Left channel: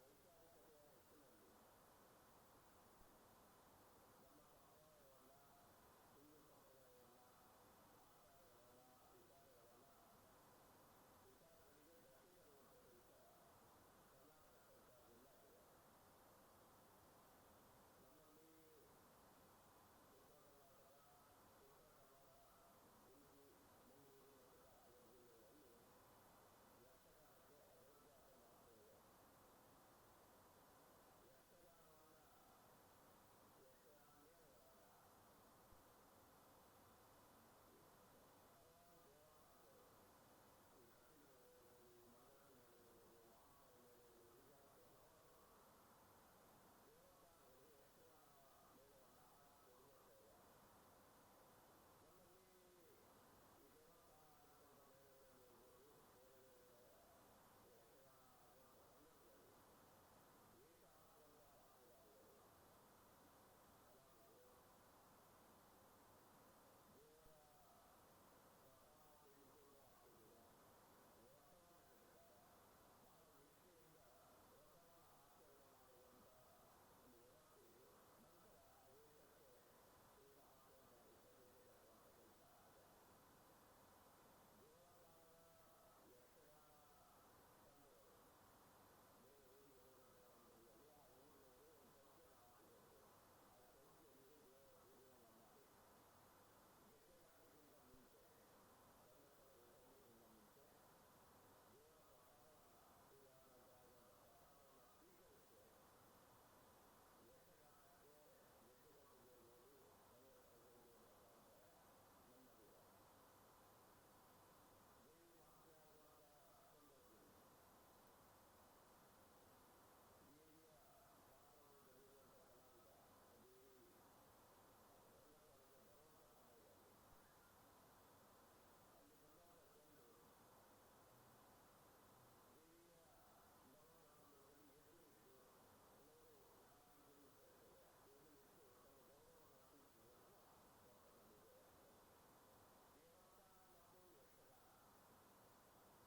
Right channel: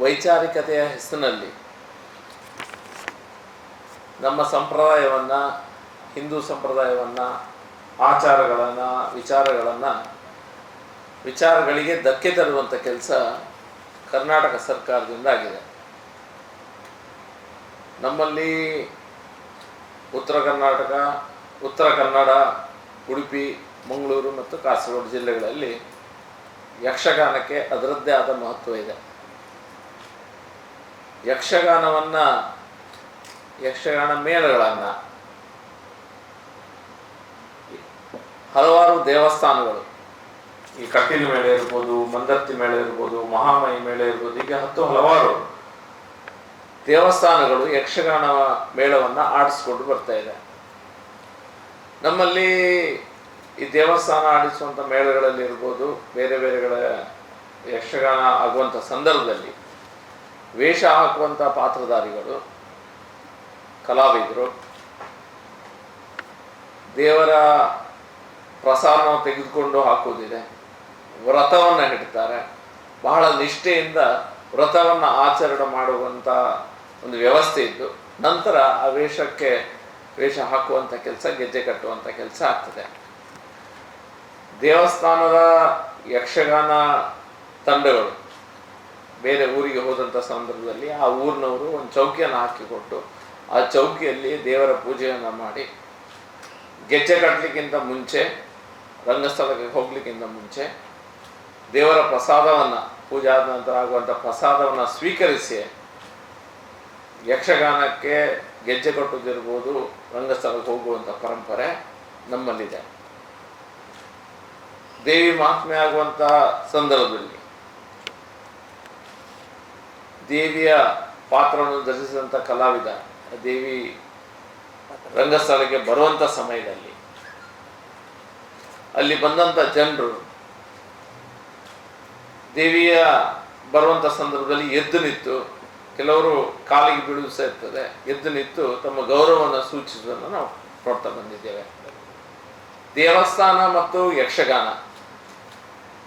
ವೈಚಾರಿಕತೆಯ ಹೆಸರಿನಲ್ಲಿ ನಮ್ಮ ಸಂಪ್ರದಾಯವನ್ನು, ಹಿಂದೂ ಸಂಪ್ರದಾಯವನ್ನು, ಆಚಾರಗಳನ್ನು, ವಿಚಾರಗಳಿಗೆ ಧಕ್ಕೆ ತರುವಂಥ ಕೆಲಸ ಕರ್ನಾಟಕ ಸರ್ಕಾರದಿಂದ ಆಗಿದೆ. ನಮ್ಮಲ್ಲಿ ಉತ್ತರ ಕರ್ನಾಟಕ, ಉತ್ತರ ಕನ್ನಡ, ಉಡುಪಿ, ಮಂಗಳೂರು ಮತ್ತು ಕಾಸರಗೋಡು ಜಿಲ್ಲೆಗಳಲ್ಲಿ ಯಕ್ಷಗಾನಕ್ಕೆ ಅದರದ್ದೇ ಆದ ಮಹತ್ವ ಇದೆ. ಯಕ್ಷಗಾನ ಮೇಳಗಳನ್ನು ಹಲವಾರು ದೇವಸ್ಥಾನಗಳು, ಈ ಕಟೀಲು ಮೇಳ ಇರ್ಬೋದು, ಮಂದರ್ತಿ ಮೇಳ ಇರ್ಬೋದು, ಮಹಾಮಯಿ ಮೇಳ ಇರ್ಬೋದು, ಹೀಗೆ ಹಲವಾರು ದೇವಸ್ಥಾನಗಳು ಯಕ್ಷಗಾನ ಮೇಳವನ್ನು ಆಡಿಸ್ಕೊಂಡು ಬರ್ತಾ ಇದೆ. ನಮ್ಮಲ್ಲಿ ಈ ದೇವಸ್ಥಾನ ಆಡಿಸುವಂಥ ಮೇಳಗಳಲ್ಲಿ ಇರ್ಬೋದು, ಬೇರೆ ಬೇರೆಗಳ ಯಕ್ಷಗಾನ ಆಗುವಂಥ ಸಂದರ್ಭದಲ್ಲಿ ವೇಷ ಹಾಕುವಂಥ ಪಾತ್ರಧಾರಿಗಳು, ಕಲಾವಿದರು ದೇವರ ಪ್ರಸಾದವನ್ನು ತೆಗೆದುಕೊಂಡು ಹಾಕುವುದಿದೆ. ವ್ರತವನ್ನು ಹಿಡ್ತಾರೆ. ಬಹಳ ನಿಷ್ಠೆಯಿಂದ ವ್ರತವನ್ನು ಆಚರಣೆ ಮಾಡುವಂಥ ಒಂದು ವ್ಯವಸ್ಥೆ ಇದ್ದು, ನಂತರ ಆ ವೇಷ ಹಾಕುವಂಥ ಕೆಲಸ, ಗೆಜ್ಜೆ ಕಟ್ಟುವಂಥ ಕೆಲಸ ಆಗ್ತದೆ. ದೇವಸ್ಥಾನದ ಯಕ್ಷಗಾನ ತಂಡಗಳು ಬೇರೆ ಊರಿಗೆ ಹೋದಂಥ ಸಂದರ್ಭದಲ್ಲಿ ಆ ಊರಿನವರು ಒಂದು ಚೌಕಿಯನ್ನು ಹಾಕಿಕೊಟ್ಟು ಆ ಚೌಕಿಯಲ್ಲಿ ದೇವರ ಪೂಜೆಯನ್ನು ಮಾಡಿ, ಗೆಜ್ಜೆ ಕಟ್ಟಲಿಕ್ಕಿಂತ ಮುಂಚೆ, ರಂಗಸ್ಥಳಕ್ಕೆ ಹೋಗ್ಲಿಕ್ಕಿಂತ ಮುಂಚೆ ದೇವರ ಪ್ರಸಾದವನ್ನು, ಪೂಜೆ ಆದ ನಂತರ ಆಗುವಂಥ ಪ್ರಸಾದವನ್ನು ಸ್ವೀಕರಿಸಿ ಯಕ್ಷಗಾನಕ್ಕೆ ಗೆಜ್ಜೆ ಕಟ್ಟುವುದಿರ್ಬೋದು, ರಂಗಸ್ಥಳಕ್ಕೆ ಹೋಗುವಂಥ ಪರಂಪರೆ ನಮ್ಮಲ್ಲಿದೆ. ದೇವಿ ಮಹಾತ್ಮೆ ಆಗುವಂಥ ಸಂದರ್ಭದಲ್ಲಿ ದೇವಿಯ ಪಾತ್ರವನ್ನು ಧರಿಸಿದಂಥ ಕಲಾವಿದ ದೇವಿ ರಂಗಸ್ಥಳಕ್ಕೆ ಬರುವಂಥ ಸಮಯದಲ್ಲಿ ಅಲ್ಲಿ ಬಂದಂಥ ಜನರು ದೇವಿಯ ಬರುವಂಥ ಸಂದರ್ಭದಲ್ಲಿ ಎದ್ದು ನಿಂತು, ಕೆಲವರು ಕಾಲಿಗೆ ಬೀಳುವುದು ಸಹ ಇರ್ತದೆ, ಎದ್ದು ನಿಂತು ತಮ್ಮ ಗೌರವವನ್ನು ಸೂಚಿಸುವುದನ್ನು ನಾವು ನೋಡ್ತಾ ಬಂದಿದ್ದೇವೆ. ದೇವಸ್ಥಾನ ಮತ್ತು ಯಕ್ಷಗಾನ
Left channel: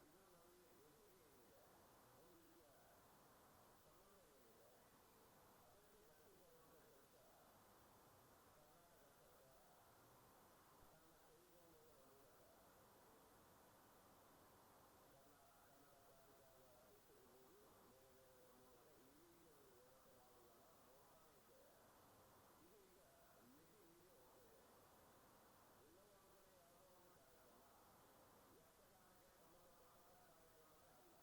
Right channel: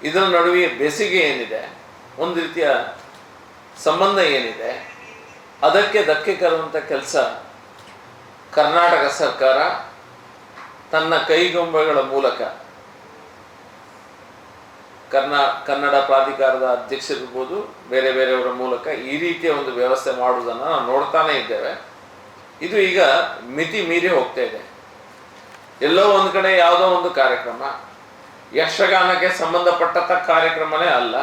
ಇದರ ನಡುವೆ ಬೆಸುಗೆ ಏನಿದೆ, ಒಂದು ರೀತಿಯ ಸಂಬಂಧ ಏನಿದೆ, ಅದಕ್ಕೆ ಧಕ್ಕೆ ತರುವಂಥ ಕೆಲಸ ಕರ್ನಾಟಕ ಸರ್ಕಾರ ತನ್ನ ಕೈಗೊಂಬೆಗಳ ಮೂಲಕ, ಕನ್ನಡ ಪ್ರಾಧಿಕಾರದ ಅಧ್ಯಕ್ಷರಿರ್ಬೋದು, ಬೇರೆ ಬೇರೆಯವರ ಮೂಲಕ ಈ ರೀತಿಯ ಒಂದು ವ್ಯವಸ್ಥೆ ಮಾಡುವುದನ್ನು ನಾವು ನೋಡ್ತಾನೆ ಇದ್ದೇವೆ. ಇದು ಈಗ ಮಿತಿ ಮೀರಿ ಹೋಗ್ತಾ ಇದೆ. ಎಲ್ಲೋ ಒಂದು ಕಡೆ ಯಾವುದೋ ಒಂದು ಕಾರ್ಯಕ್ರಮ ಯಕ್ಷಗಾನಕ್ಕೆ ಸಂಬಂಧಪಟ್ಟಂಥ ಕಾರ್ಯಕ್ರಮನೇ ಅಲ್ಲ,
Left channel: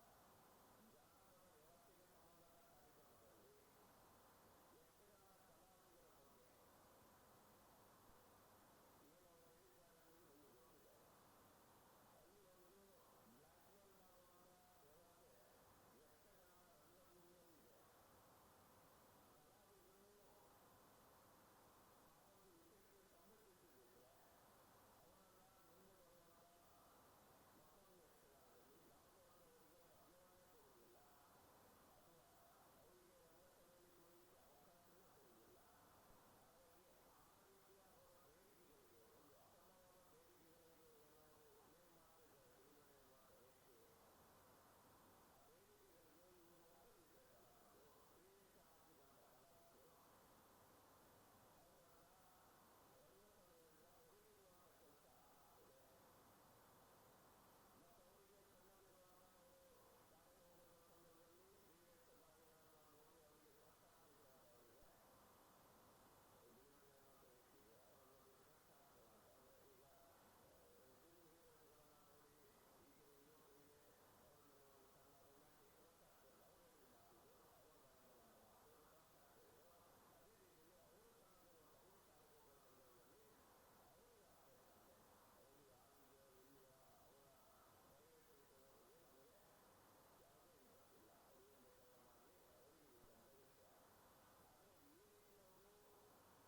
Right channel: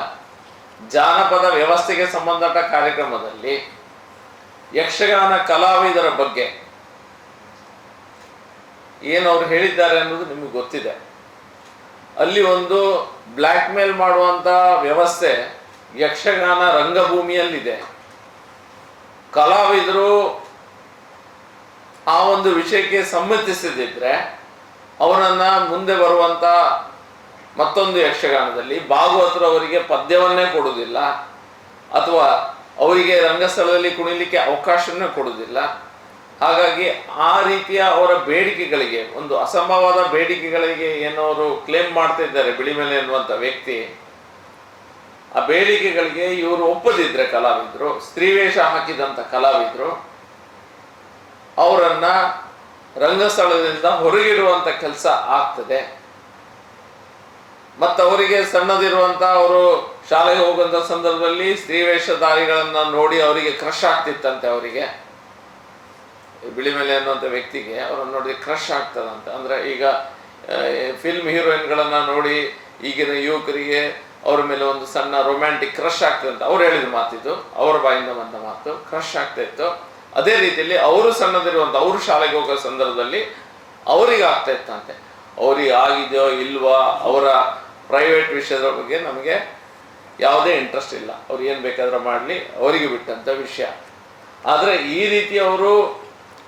ಜಾನಪದ ವ್ಯವಸ್ಥೆಗೆ ಸಂಬಂಧಪಟ್ಟ ಕಾರ್ಯಕ್ರಮದಲ್ಲಿ ಯಕ್ಷಗಾನ ಕಲಾವಿದರ ಬಗ್ಗೆ ಏನು ಅವ್ರು ಹೇಳಿದ್ದಾರೆ ಅನ್ನೋದು ನಿಮಗೆ ಗೊತ್ತಿದೆ. ಅಲ್ಲಿ ಒಂದು ಬ್ಲ್ಯಾಕ್ ಮೇಲ್ ಮಾಡುವಂಥ ವ್ಯವಸ್ಥೆ ಯಕ್ಷಗಾನ ರಂಗಭೂಮಿಯಲ್ಲಿದೆ. ಕಲಾವಿದರು ಆ ಒಂದು ವಿಷಯಕ್ಕೆ ಸಮ್ಮತಿಸದಿದ್ರೆ ಅವರನ್ನು ಮುಂದೆ ಬರುವಂಥ ಮತ್ತೊಂದು ಯಕ್ಷಗಾನದಲ್ಲಿ ಭಾಗವತರು ಅವರಿಗೆ ಪದ್ಯವನ್ನೇ ಕೊಡುವುದಿಲ್ಲ, ಅಥವಾ ಅವರಿಗೆ ರಂಗಸ್ಥಳದಲ್ಲಿ ಕುಣಿಲಿಕ್ಕೆ ಅವಕಾಶವನ್ನೇ ಕೊಡುವುದಿಲ್ಲ. ಹಾಗಾಗಿ ಆ ರೀತಿಯ ಅವರ ಬೇಡಿಕೆಗಳಿಗೆ, ಒಂದು ಅಸಂಭವವಾದ ಬೇಡಿಕೆಗಳಿಗೆ ಏನವರು ಕ್ಲೇಮ್ ಮಾಡ್ತಾ ಇದ್ದಾರೆ ಬಿಳಿಮೆಲೆ ಎನ್ನುವಂಥ ವ್ಯಕ್ತಿ, ಆ ಬೇಡಿಕೆಗಳಿಗೆ ಇವರು ಒಪ್ಪದಿದ್ರೆ ಕಲಾವಿದರು, ಸ್ತ್ರೀವೇಷ ಹಾಕಿದಂಥ ಕಲಾವಿದರು, ಅವರನ್ನ ರಂಗಸ್ಥಳದಿಂದ ಹೊರಗಿಡುವಂಥ ಕೆಲಸ ಆಗ್ತದೆ. ಮತ್ತು ಅವರಿಗೆ ಸಣ್ಣದಿರುವಂಥ, ಅವರು ಶಾಲೆಗೆ ಹೋಗುವಂಥ ಸಂದರ್ಭದಲ್ಲಿ ಸ್ತ್ರೀವೇಷಧಾರಿಗಳನ್ನು ನೋಡಿ ಅವರಿಗೆ ಕ್ರಶ್ ಆಗ್ತಿತ್ತಂತೆ. ಅವರಿಗೆ ಬಿಳಿಮೆಲೆ ಅನ್ನುವಂಥ ವ್ಯಕ್ತಿಗೆ ಅವರನ್ನು ನೋಡಿ ಕ್ರಶ್ ಆಗ್ತದಂತೆ. ಅಂದರೆ ಈಗ ಫಿಲ್ಮ್ ಹೀರೋಯಿನ್ಗಳನ್ನು ನೋಡಿ ಈಗಿನ ಯುವಕರಿಗೆ ಅವ್ರ ಮೇಲೆ ಒಂದು ಸಣ್ಣ ರೊಮ್ಯಾಂಟಿಕ್ ಕ್ರಶ್ ಆಗ್ತದಂತ ಅವ್ರು ಹೇಳಿದ ಮಾತಿದ್ದು, ಅವರ ಬಾಯಿಂದ ಬಂದ ಮಾತು, ಕ್ರಶ್ ಆಗ್ತಾ ಇತ್ತು. ಅದೇ ರೀತಿಯಲ್ಲಿ ಅವರು ಸಣ್ಣದಿರುವಂಥ, ಅವರು ಶಾಲೆಗೆ ಹೋಗೋ ಸಂದರ್ಭದಲ್ಲಿ ಅವರಿಗೆ ಆಗ್ತಾ ಇತ್ತಂತೆ. ಅವ್ರಿಗೆ ಆಗಿದೆಯೋ ಇಲ್ವಾ, ಅವರ ಪ್ರೈವೇಟ್ ವಿಷಯದ ಬಗ್ಗೆ ನಮಗೆ ಯಾವುದೇ ಇಂಟ್ರೆಸ್ಟ್ ಇಲ್ಲ, ಅವ್ರು ಏನು ಬೇಕಾದ್ರೆ ಮಾಡಲಿ, ಅವರಿಗೆ ಬಿಟ್ಟಂಥ ವಿಷಯ. ಆದರೆ ಈ ರೀತಿ ಅವರು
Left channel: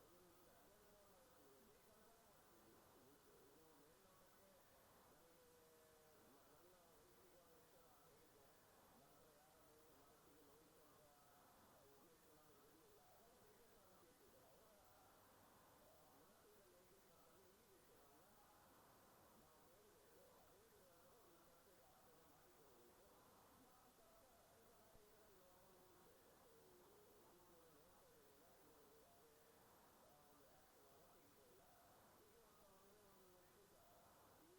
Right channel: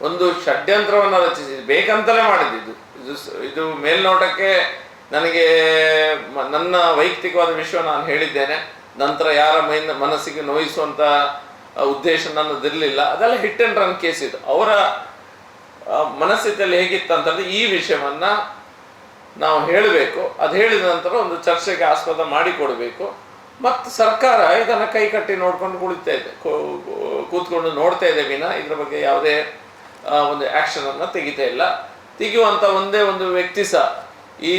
ಒಂದು ಷಡ್ಯಂತ್ರವನ್ನು ರಚಿಸಿ ಬೇಕಂತಲೇ ಮಾಡಿದ್ದು. ಇದು ಮೇಲ್ನೋಟಕ್ಕೆ ನನಗೆ ನನ್ನ ವೈಯಕ್ತಿಕವಾದ ವಿಷಯ ನಾನು ಹೇಳಿದ್ದೇನೆ, ನಂತರ ಯಾರ ಮನಸ್ಸಿಗೆ ನೋಯಿಸುವಂಥ ಉದ್ದೇಶ ನನ್ನದಿರಲಿಲ್ಲ. ಅದೆಲ್ಲ ಹಿಟ್ ಆ್ಯಂಡ್ ರನ್ ಕೇಸ್ ಇದು. ಅವರ ಮನಸ್ಥಿತಿಯಲ್ಲಿ ಹೇಗಿತ್ತಂತಂದರೆ ಈ ವಿಷಯವನ್ನು ನಾವು ಹೇಳಬೇಕು, ಅದು ಹೇಳಿದ ನಂತರ ಒಂದು ಚರ್ಚೆಗೆ ಆಸ್ಪದ ಮಾಡಿಕೊಡಬೇಕು. ಮತ್ತು ಸರ್ಕಾರ ಇದನ್ನು ಕೈ ಕಟ್ಟಿ ನೋಡ್ಕೊಂಡು ಕುಳಿತಾ ಇದೆ, ಕೂತ್ಕೊಂಡು ನೋಡ್ತಾ ಇದೆ ವಿನ ಇದ್ರ ಬಗ್ಗೆ ಯಾವುದೇ ಒಂದು ಆ್ಯಕ್ಷನನ್ನು ತೆಗಿತಾ ಇಲ್ಲ. ತೆಗೆಯುವಂಥ ಒಂದೇ ಒಂದು ವ್ಯಕ್ತಿ ಸಹ ಈ